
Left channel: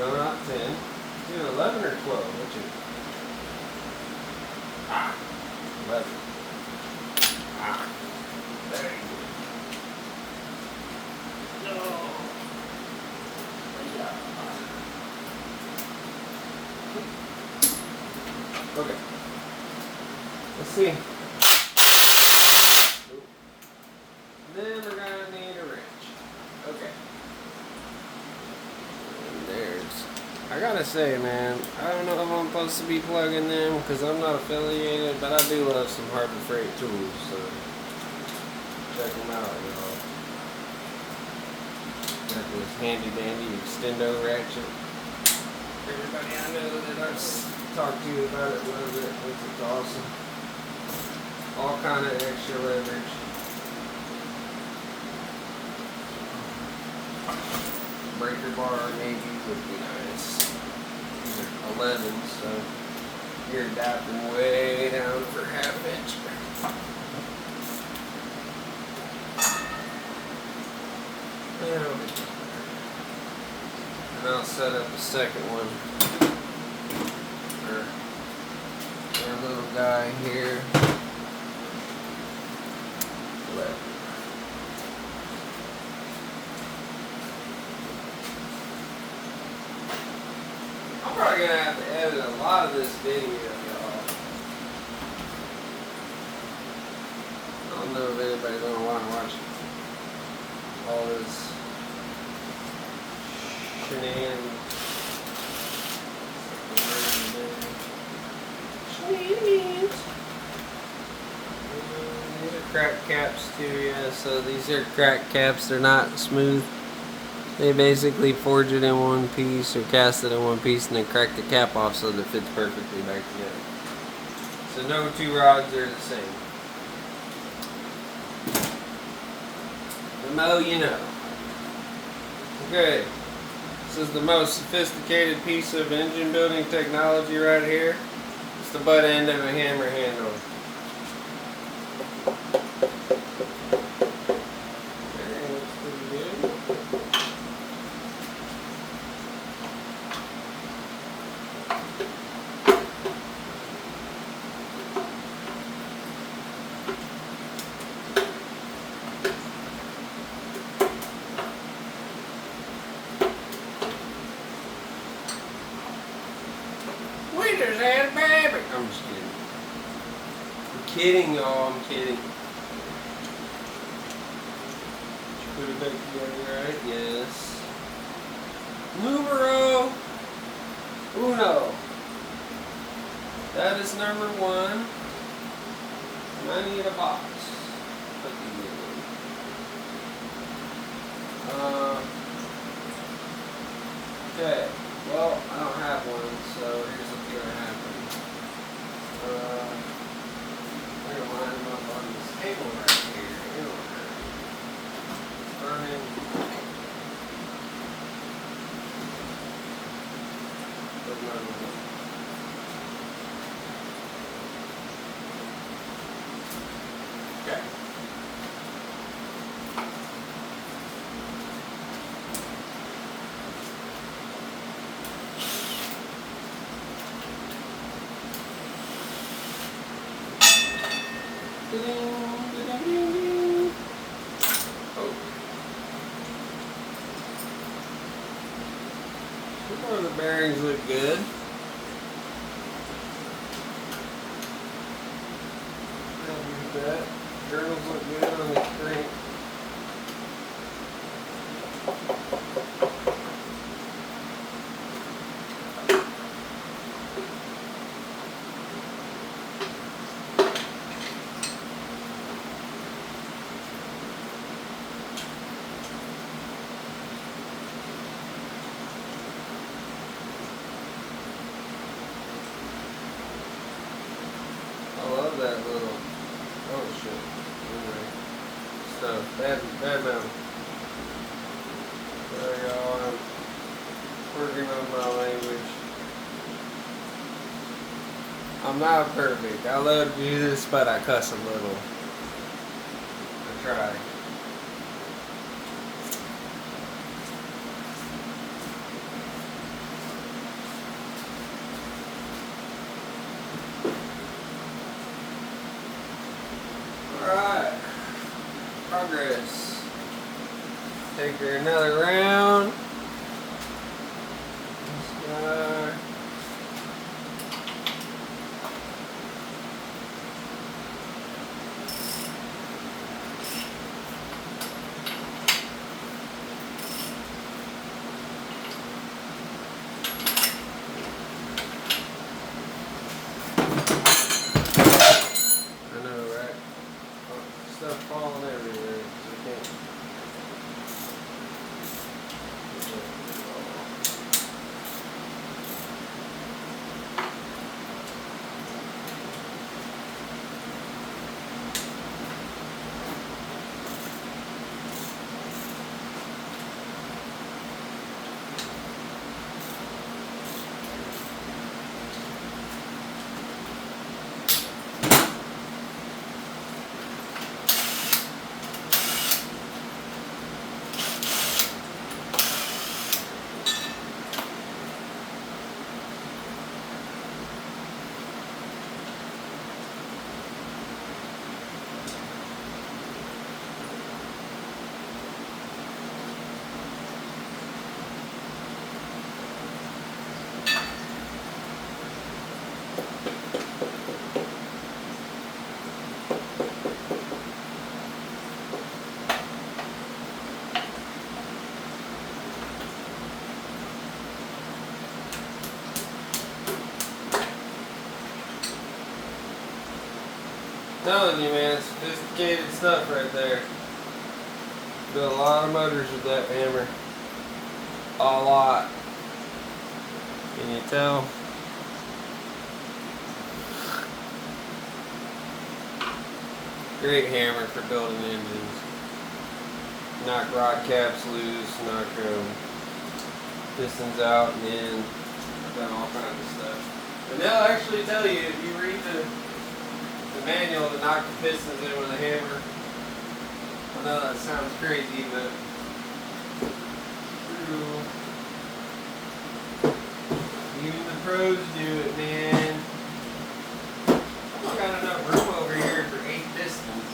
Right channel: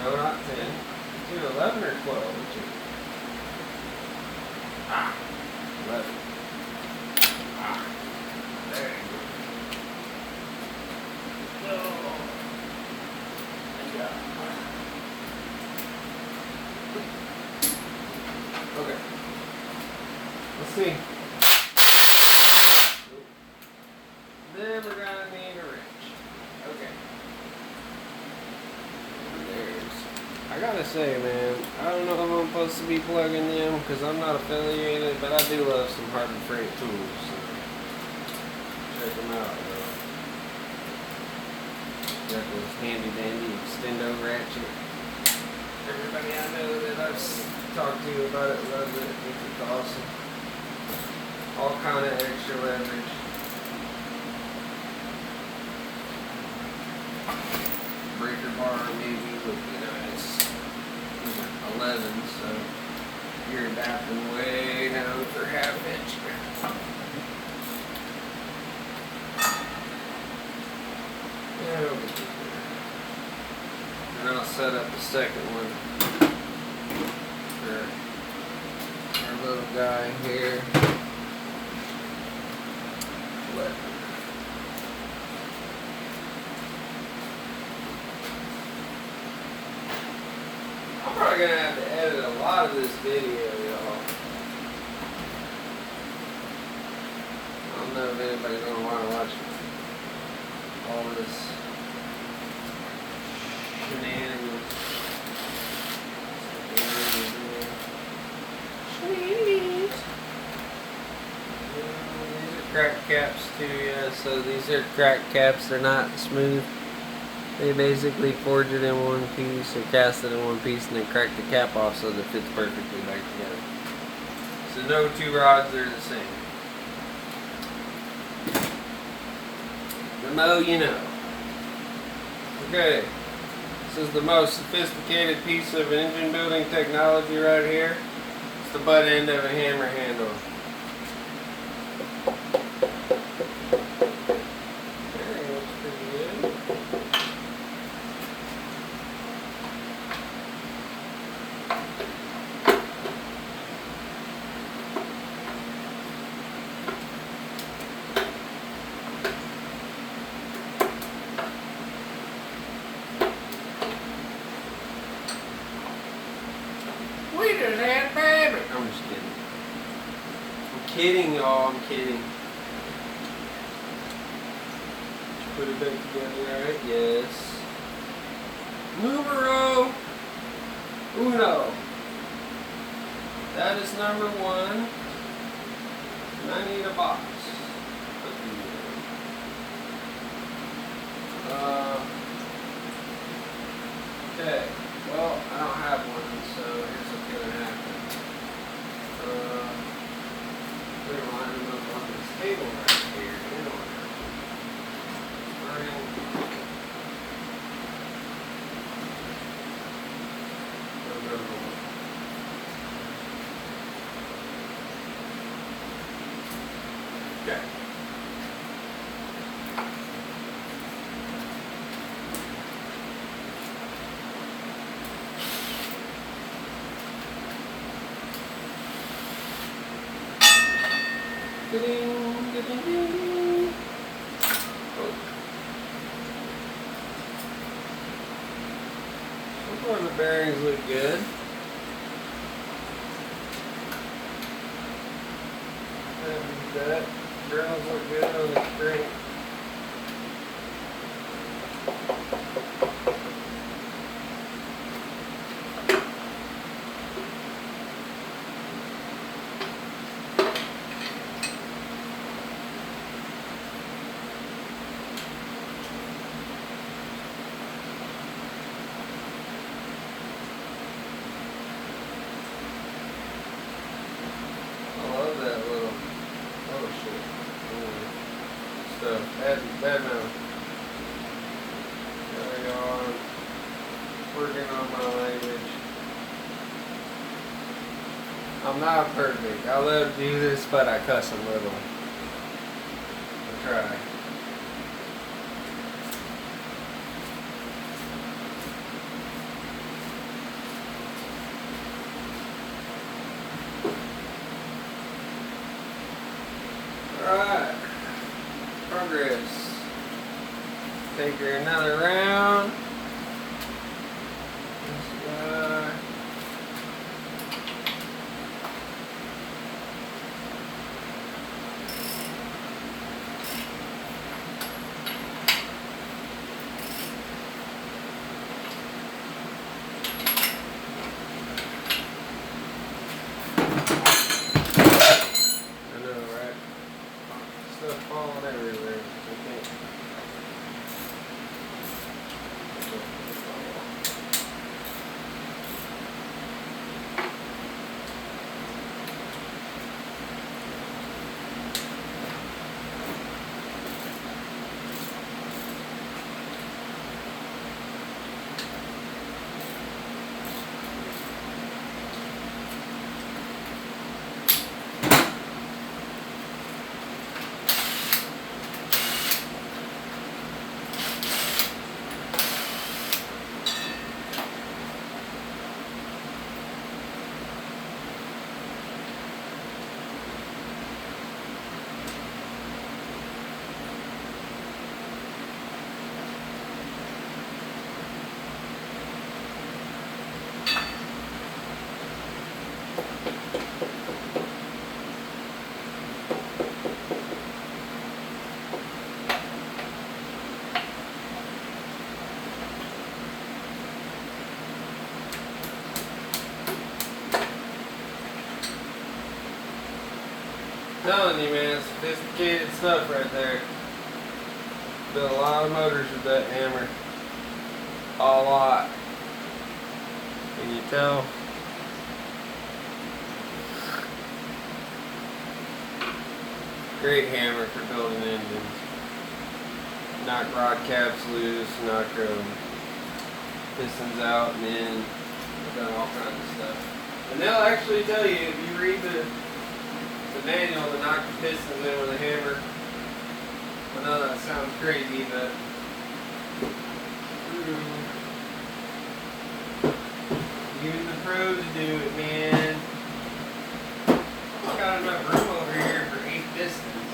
No, not 10. It's either 11 or 12. Which is 11. There you go. Okay. Let's see. Then we're gonna need a wrench. Okay. And there's. I gotta say, man, I don't know how I'm supposed to be plugging them because I'm not affiliated, but I do love some Harbor Freight tools. So check them out, you know. Got this handy dandy extendo ratchet. Everybody I know that I've talked to about it loves it. Thinks it's awesome. All kind of extra leverage. Breaker bar maybe would be nice. These are 11, so you're adapting way down for half-inch. And I'll set up a second one. little guy here. But I'm probably gonna have to edit a lot of this video, y'all. I don't know if anybody's gonna want to watch all this shenanigans. These are crack caps too, yeah. So these are crack caps. They're not smooth. They basically forge it in one piece or cast it in one piece and then crack the cap off so that it fits perfectly back together. So no two rods are the same. The more you know. Okay. This is the most sophisticated piece of engine building technology right here. It's the butt end of a hammer handle. There, looks pretty good. We just had a baby. I'm just kidding. I'm kidding, y'all. I'm kidding. Put it back together, alright? Yes. Numero uno. That is number one. And I need a box. Okay. Well, I don't have one, so here's what's gonna happen. We're gonna line them up on this table right here in order. Burning. Okay. Oh. So far the bearings look good. That journals look good on the screen. I love that little, oh shit, anyway, stuff, bad mouth. Sorry, y'all, I'm working on my language. I'm not perfect. I love Jesus, but I cuss a little. I try. Alright, progress. Take her another round. This guy. Telling you, man, it's sophisticated stuff right there. Built a lot of motors with that hammer. A lot. Can you tell? Great hammer for building engines. Knock rod caps loose, knock pistons out and in. Done all kinds of stuff. And they'll actually tell you, if you read the manual, to knock the pistons in with a hammer. I know that sounds crazy, but even the pros do it, man. I've got enough room over here for 8 pistons.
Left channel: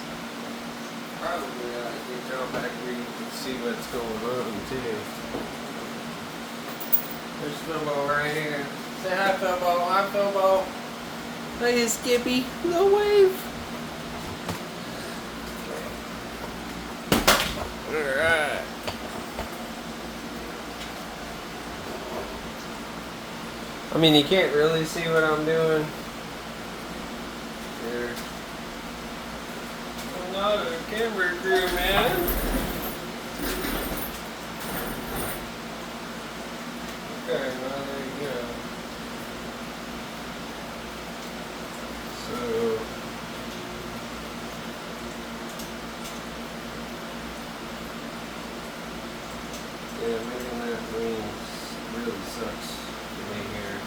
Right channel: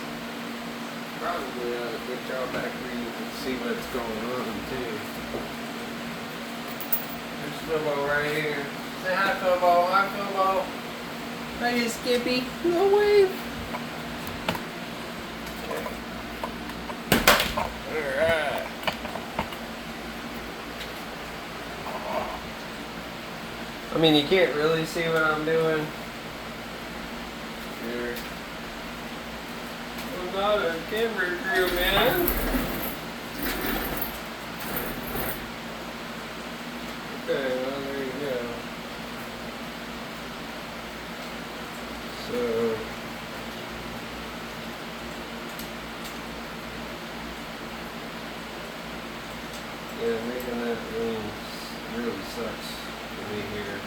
Probably get y'all back where you can see what's going on too. There's Snowball right here. Say hi, Snowball. Hi, Snowball. Hey, Skippy. No wave. Alright. I mean, you can't really see what I'm doing. Sure. I'm not a camera crew, man. Okay, well, there you go. So, yeah, making that thing really sucks for me here.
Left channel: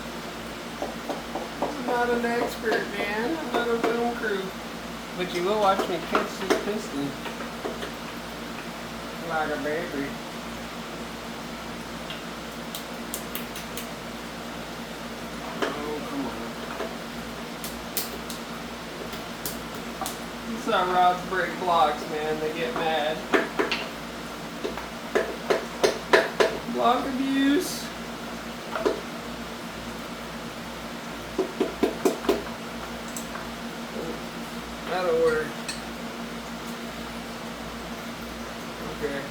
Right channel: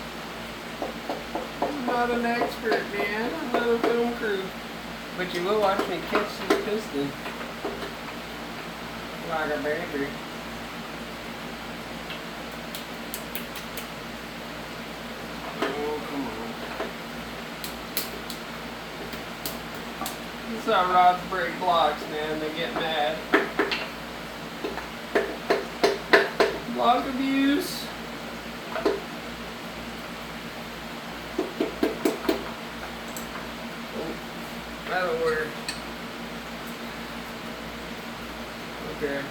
I'm not an expert, man. I'm not a film crew. But you will watch me catch this piston like a baby. Oh, come on. This is how rods break blocks, man. They get mad. Block abuse. That'll work. Okay.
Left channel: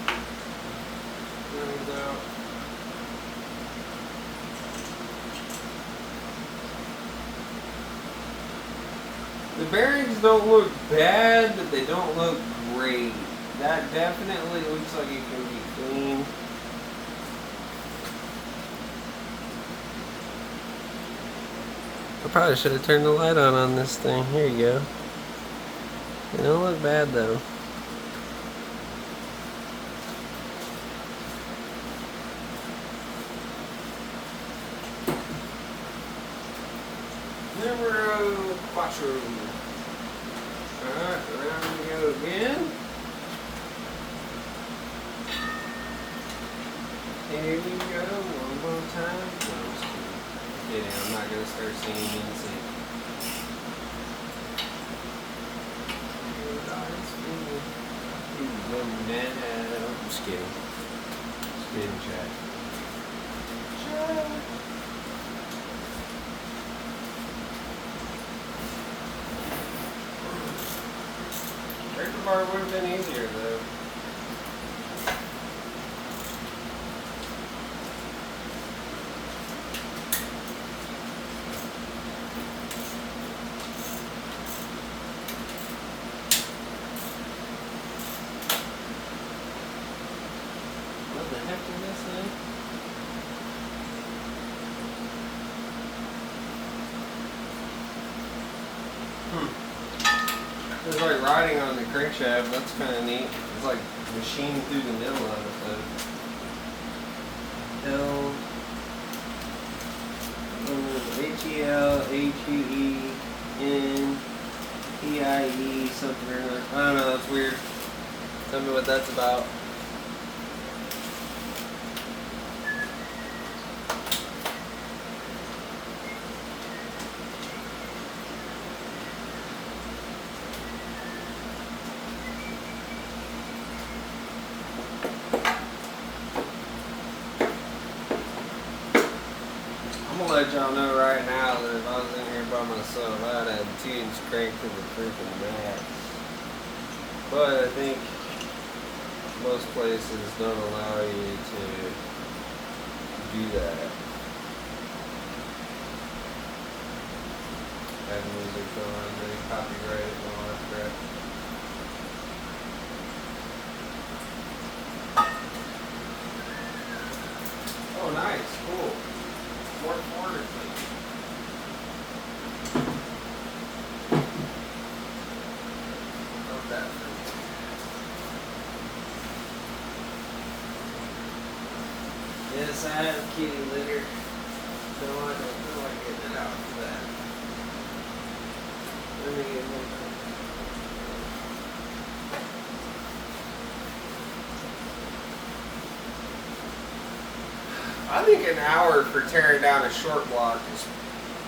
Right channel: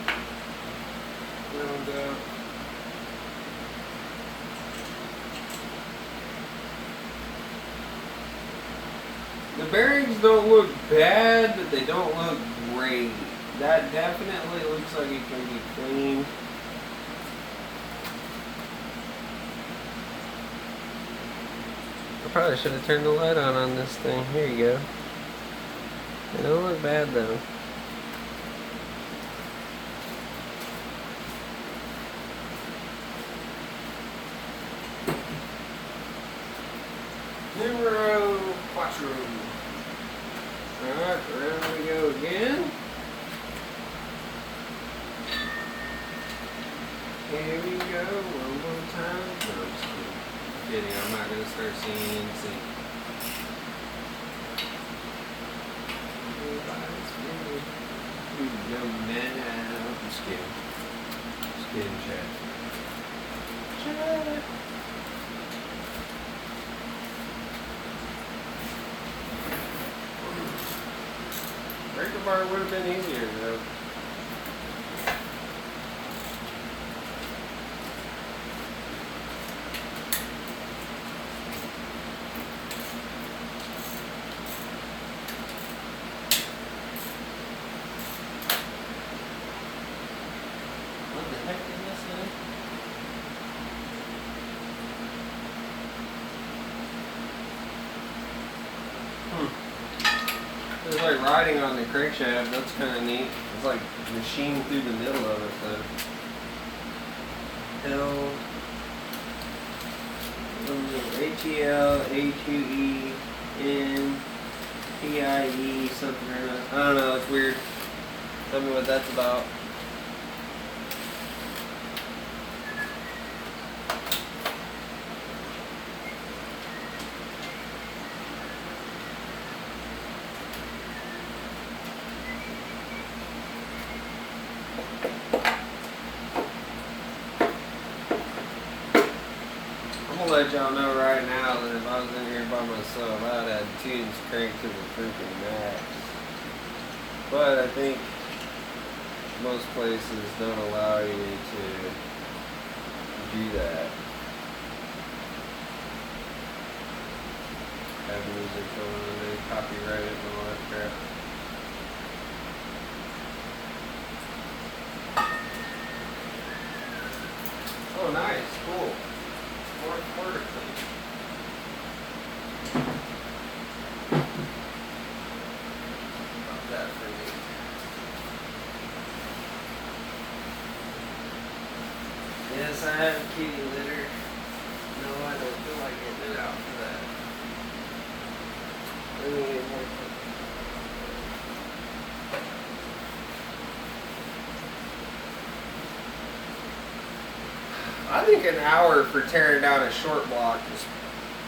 And, the bearings don't look bad, but they don't look great. That definitely looks like it can be cleaned. I probably should have turned the light on this thing. Here you go. They don't look bad though. Numero 4. Alright, around we go again. Here we go, one more time. No, I'm just kidding. I'm not going to start singing. I'm just kidding. Just kidding, Chad. Chad. Breaker bar would have been easier though. What the heck is this, man? It's like riding on the crankshaft. That's kind of neat. It's like machined through the middle of it, but L ATL A2E PIE something or other. I don't know. That's weird. Tell me what that's about. I'm gonna let y'all know right now that if I was in here by myself, I'd have tunes cranked to the freaking max. But I think most places don't allow you to do that. Have music going on, they copyright it and all that. Oh, nice, cool. Fourth quarter. Love that for me. Yes, I have kitty litter. No, I don't feel like getting it out for that. Let me get more. I think an hour for tearing down a short block is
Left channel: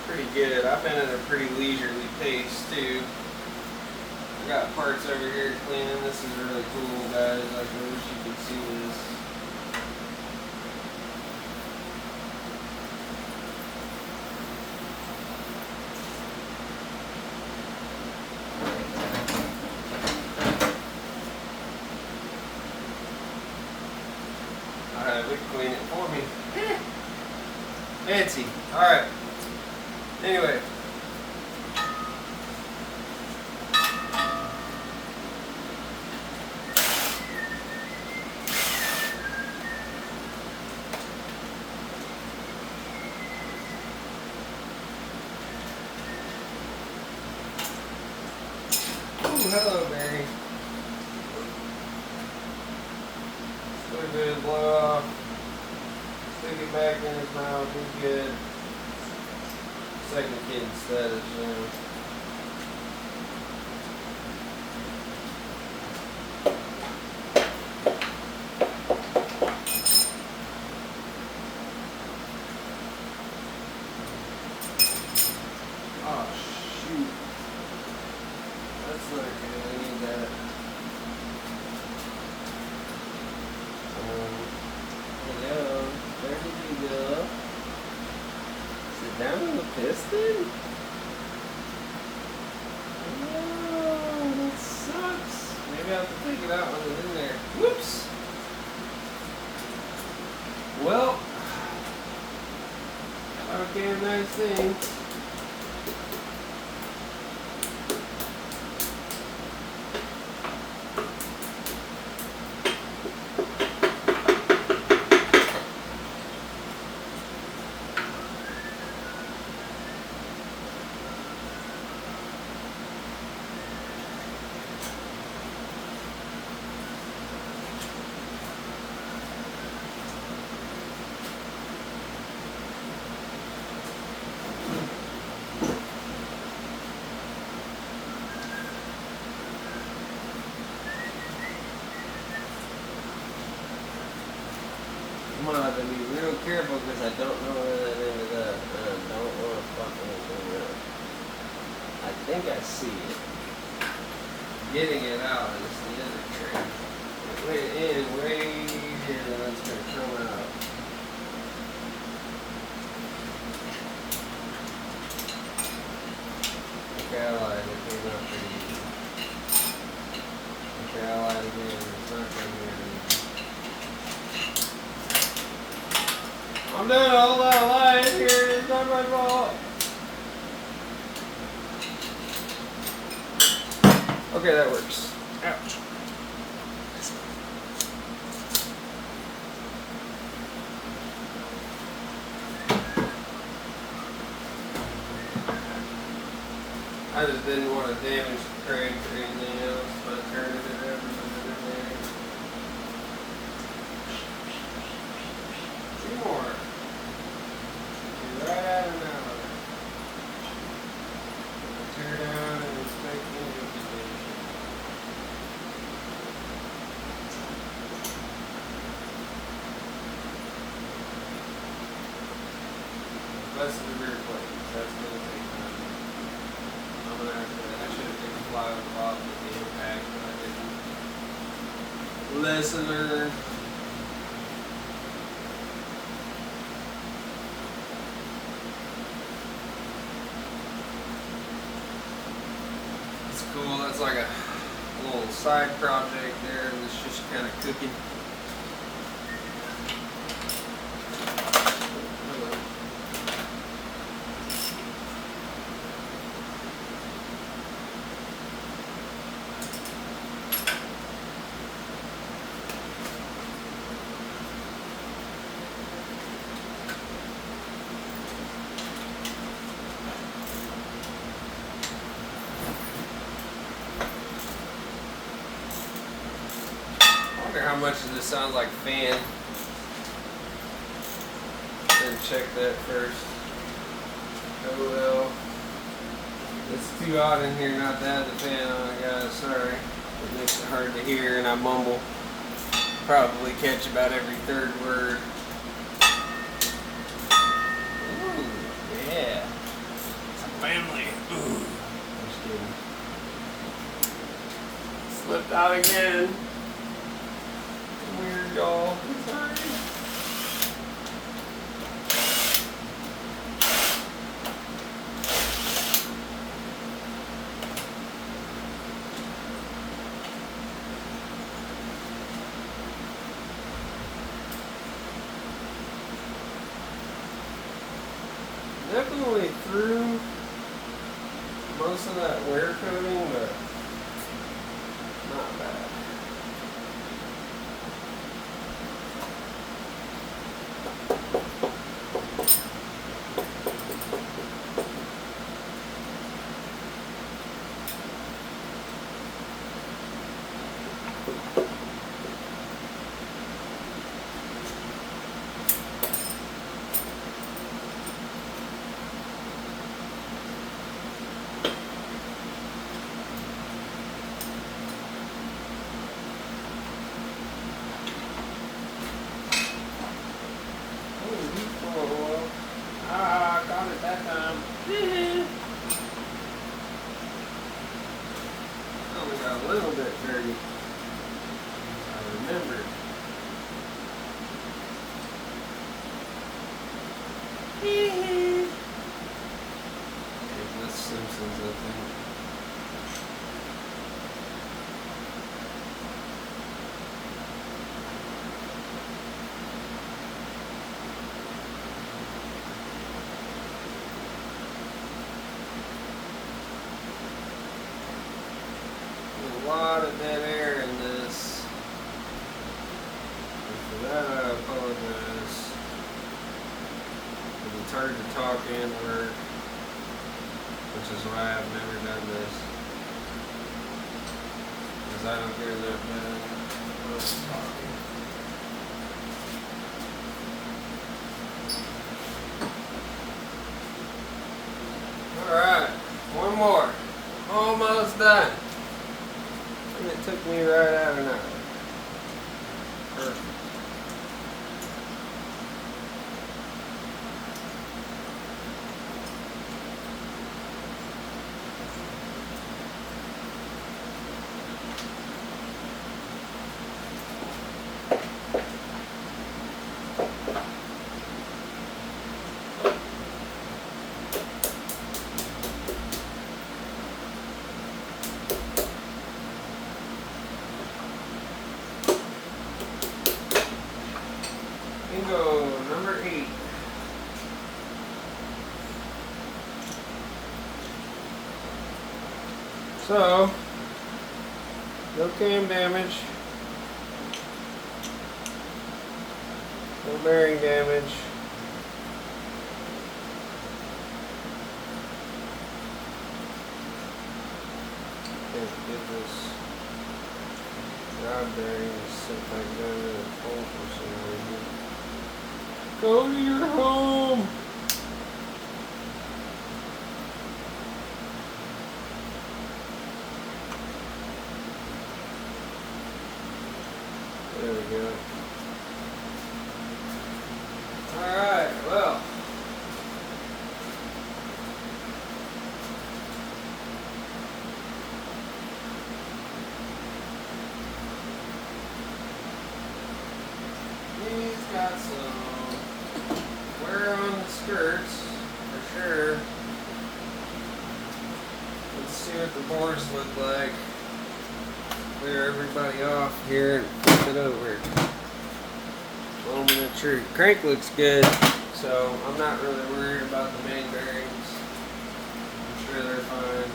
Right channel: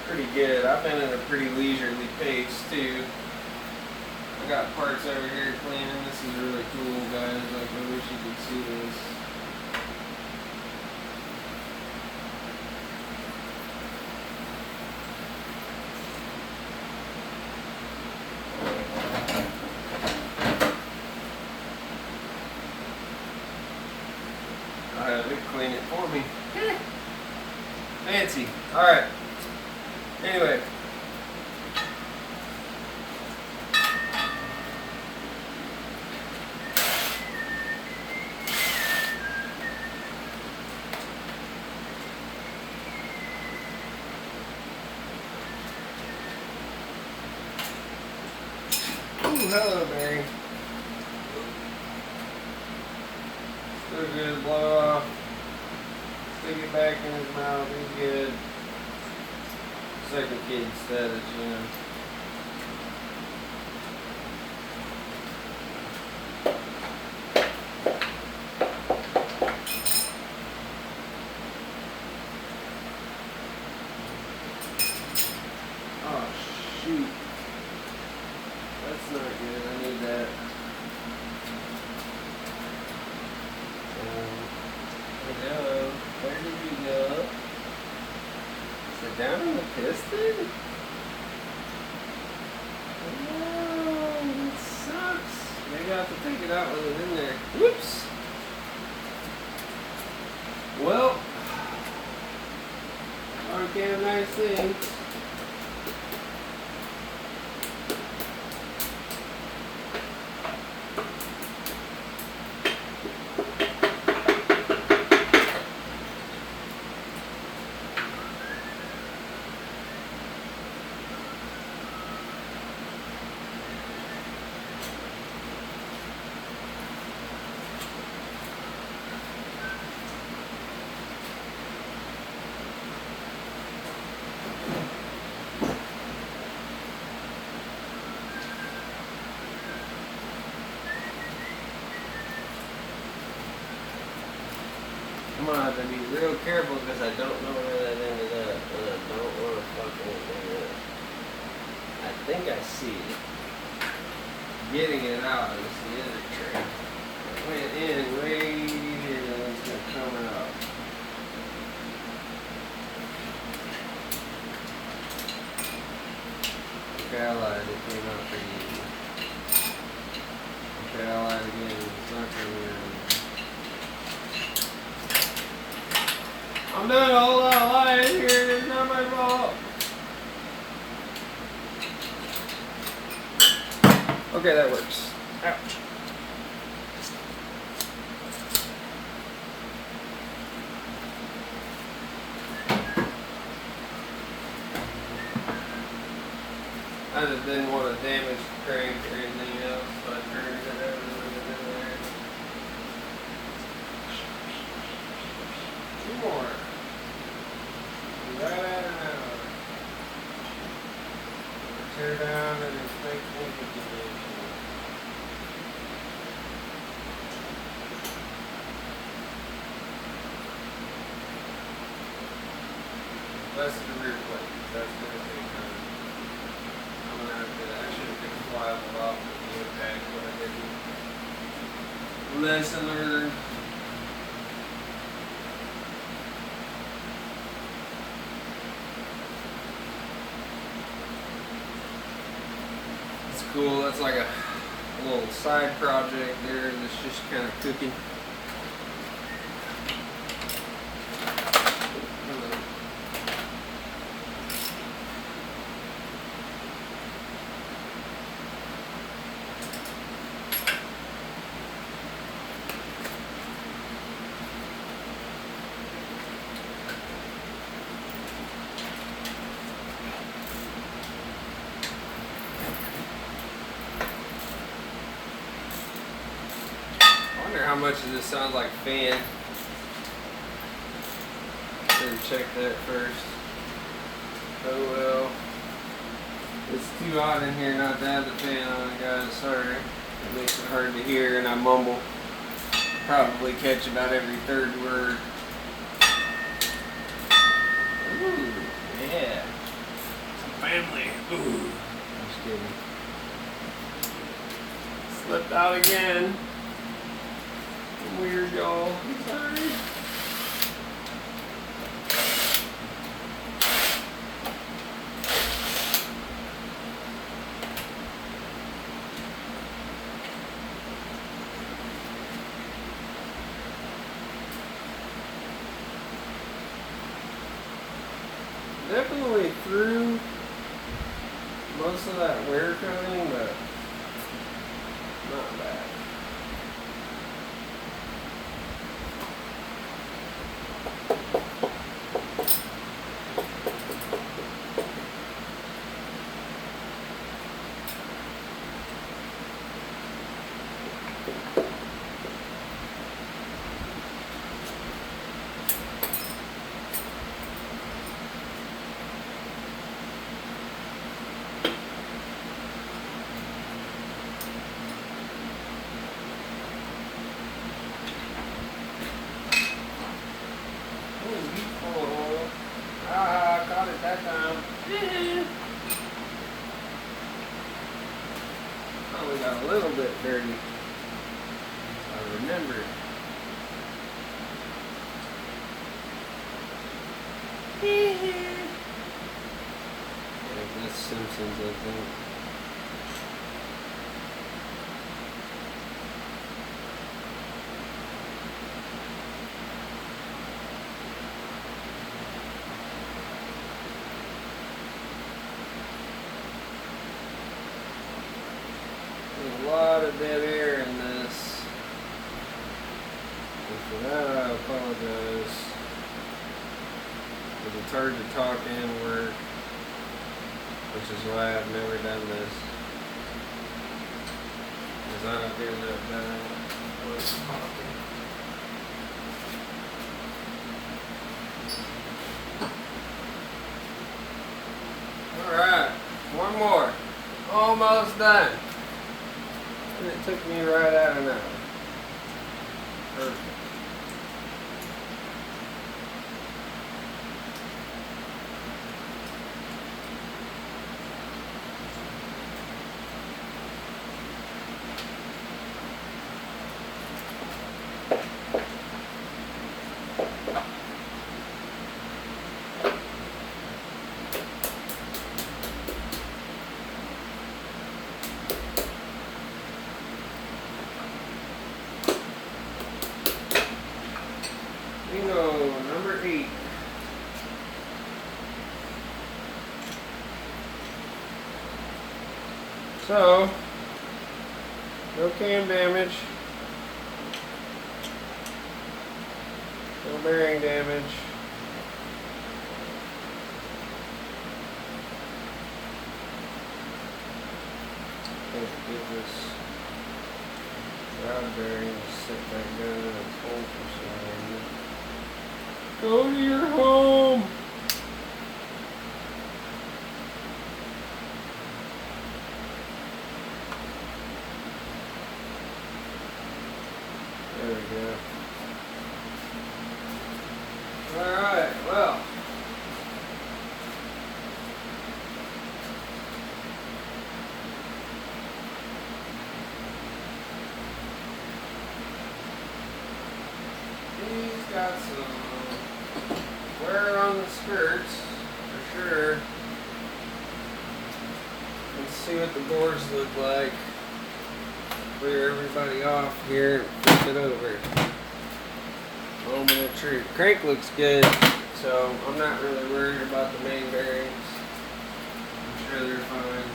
pretty good. I've been at a pretty leisurely pace too. I got parts over here cleaning. This is really cool, guys. Like, I wish you could see this. I'll have it clean it for me. Fancy. Alright. Anyway. Ooh, hello, Mary. So good, blow it off. Stick it back in his mouth, he's good. Second kid status, you know. Oh, shoot. That's not good, I need that. Hello, where did you go? Sit down in the piston? No, that sucks. Maybe I have to take it out when it's in there. Whoops. Well, okay, nice thing. I'm gonna have to be real careful because I don't know where that ended up, and I don't want to fuck anything up. I think I see it. Getting it out is the other trick. It went in way here, and it's gonna come out. Okay, I lied. It came out pretty easy. Okay, I lied again. It's not coming in. I'm doing all that lying here. It's not my fault. Okay, that works. Ouch. I just didn't want to damage the crank or anything else, but I turned it in there. Two more. Right out of now. Tear down and inspect configuration. That's the rear plate. That's going to take time. I'm going to have to, I should have taken a fly off the bottom of the impact, but I didn't. Lesson learned. It's cool. That's like a little side project there that's just kind of cooking. wonder how much of this sounds like fan. Then check that first. Oh well. It's too hot in here not to have the fan on, guys. Sorry. It makes it hard to hear and I mumble. Probably catch about every third word. Ooh, yeah. Some family. Ooh. Just kidding. Slipped out again. Weird, y'all. Sorry. Definitely through most of that wear coating, but not bad. Ah, got it that time. Only got a little bit dirty. I remember. There's the Simpsons, I think. There's a lot of dead air in this. And for that, I apologize. But it's hard to talk and work, which is why I've never done this. Because I don't do that many talking. Alright, one more. Almost done. And it took me right out an hour. Perfect. Bingo, number 8. So, no cam damage, no bearing damage. Let's give this rod bearing to sit back down in a full position. Go to your home! There we go. Alright, well. He's got some wear on the skirts, for sure. Let's see what the bores look like. Clear everybody off here and flip it over. Moment of truth. Crank looks good, so I'm not really worried about the main bearings. I'm sure they're fine.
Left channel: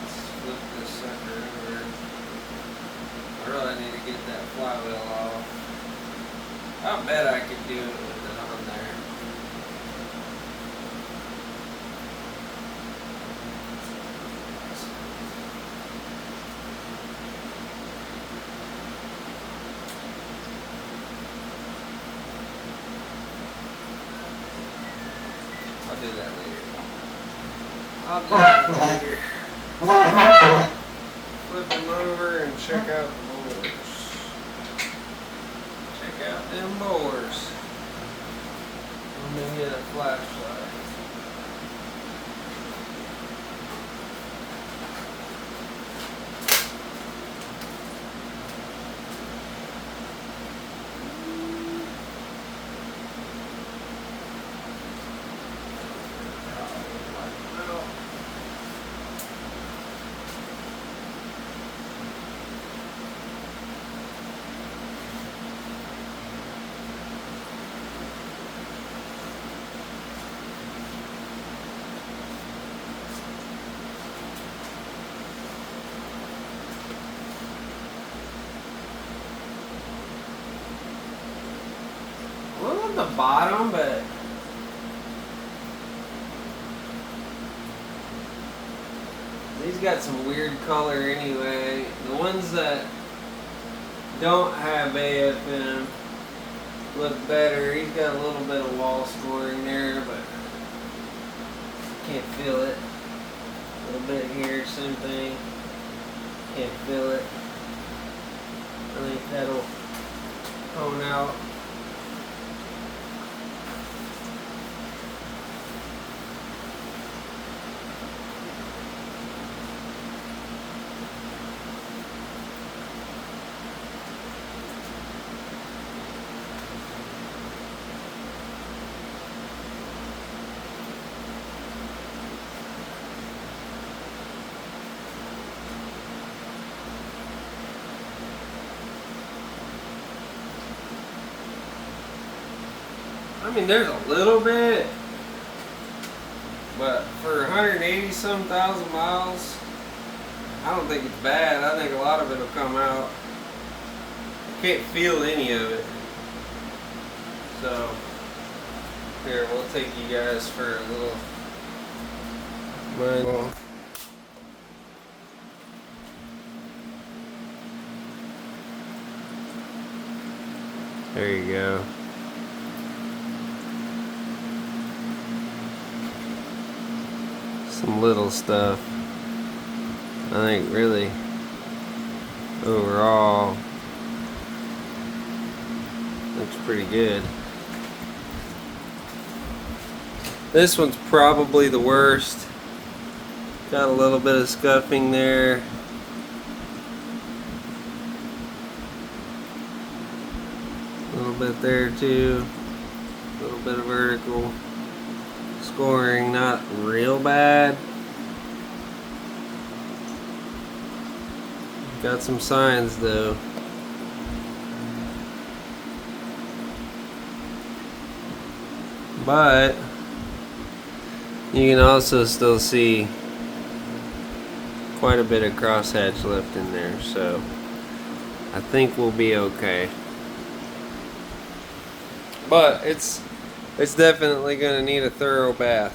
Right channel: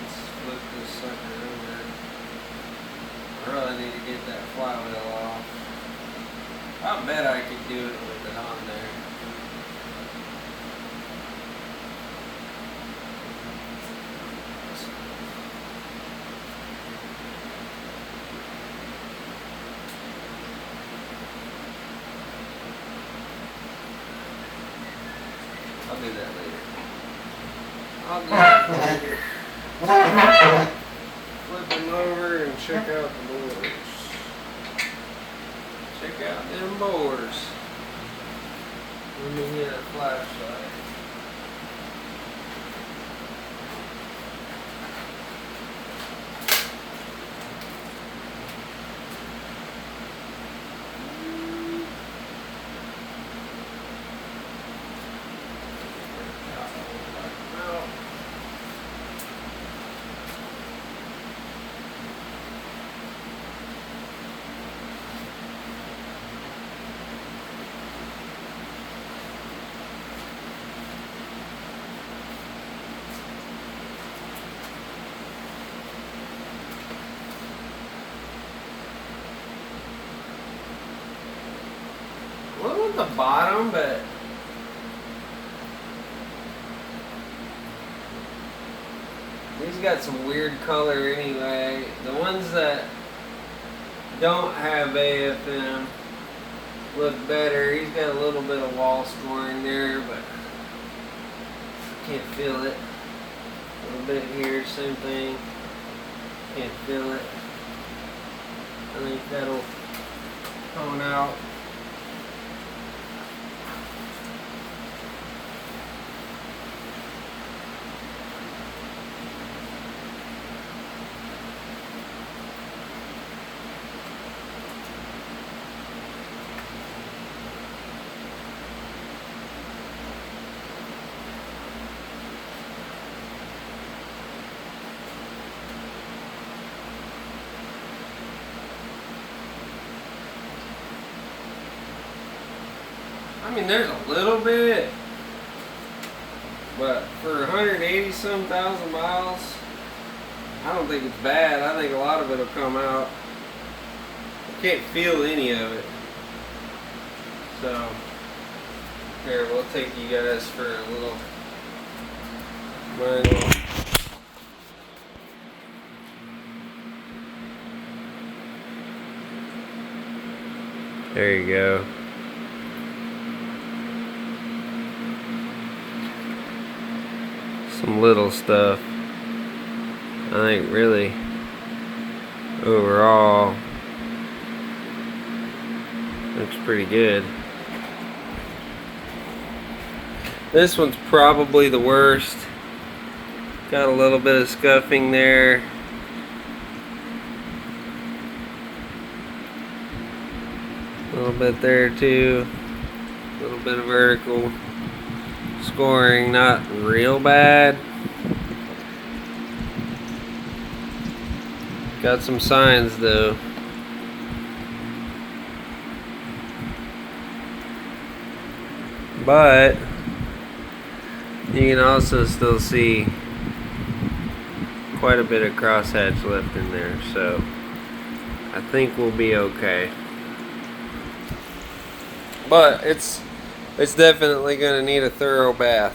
Let's flip this sucker over. I really need to get that flywheel off. I bet I could do it with it on there. I'll do that later. I'll do that later. Flip them over and check out the bores. Check out them bores. Let me get a flashlight. Well, at the bottom, but these got some weird color anyway. The ones that don't have AFM look better. He's got a little bit of wall scoring there, but can't feel it. A little bit here, same thing. Can't feel it. I think that'll tone out. I mean, there's a little bit, but for 180 some thousand miles, I don't think it's bad. I think a lot of it will come out. You can't feel any of it. So, here, we'll take you guys for a little manual. There you go. Some little stuff. I think really overall looks pretty good. This one's probably the worst. Got a little bit of scuffing there. A little bit there too. A little bit of vertical scoring, not real bad. Got some signs though. But you can also still see quite a bit of crosshatch left in there, so I think we'll be okay. But it's definitely going to need a thorough bath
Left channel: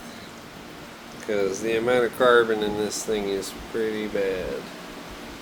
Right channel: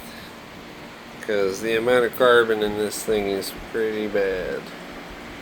because the amount of carbon in this thing is pretty bad.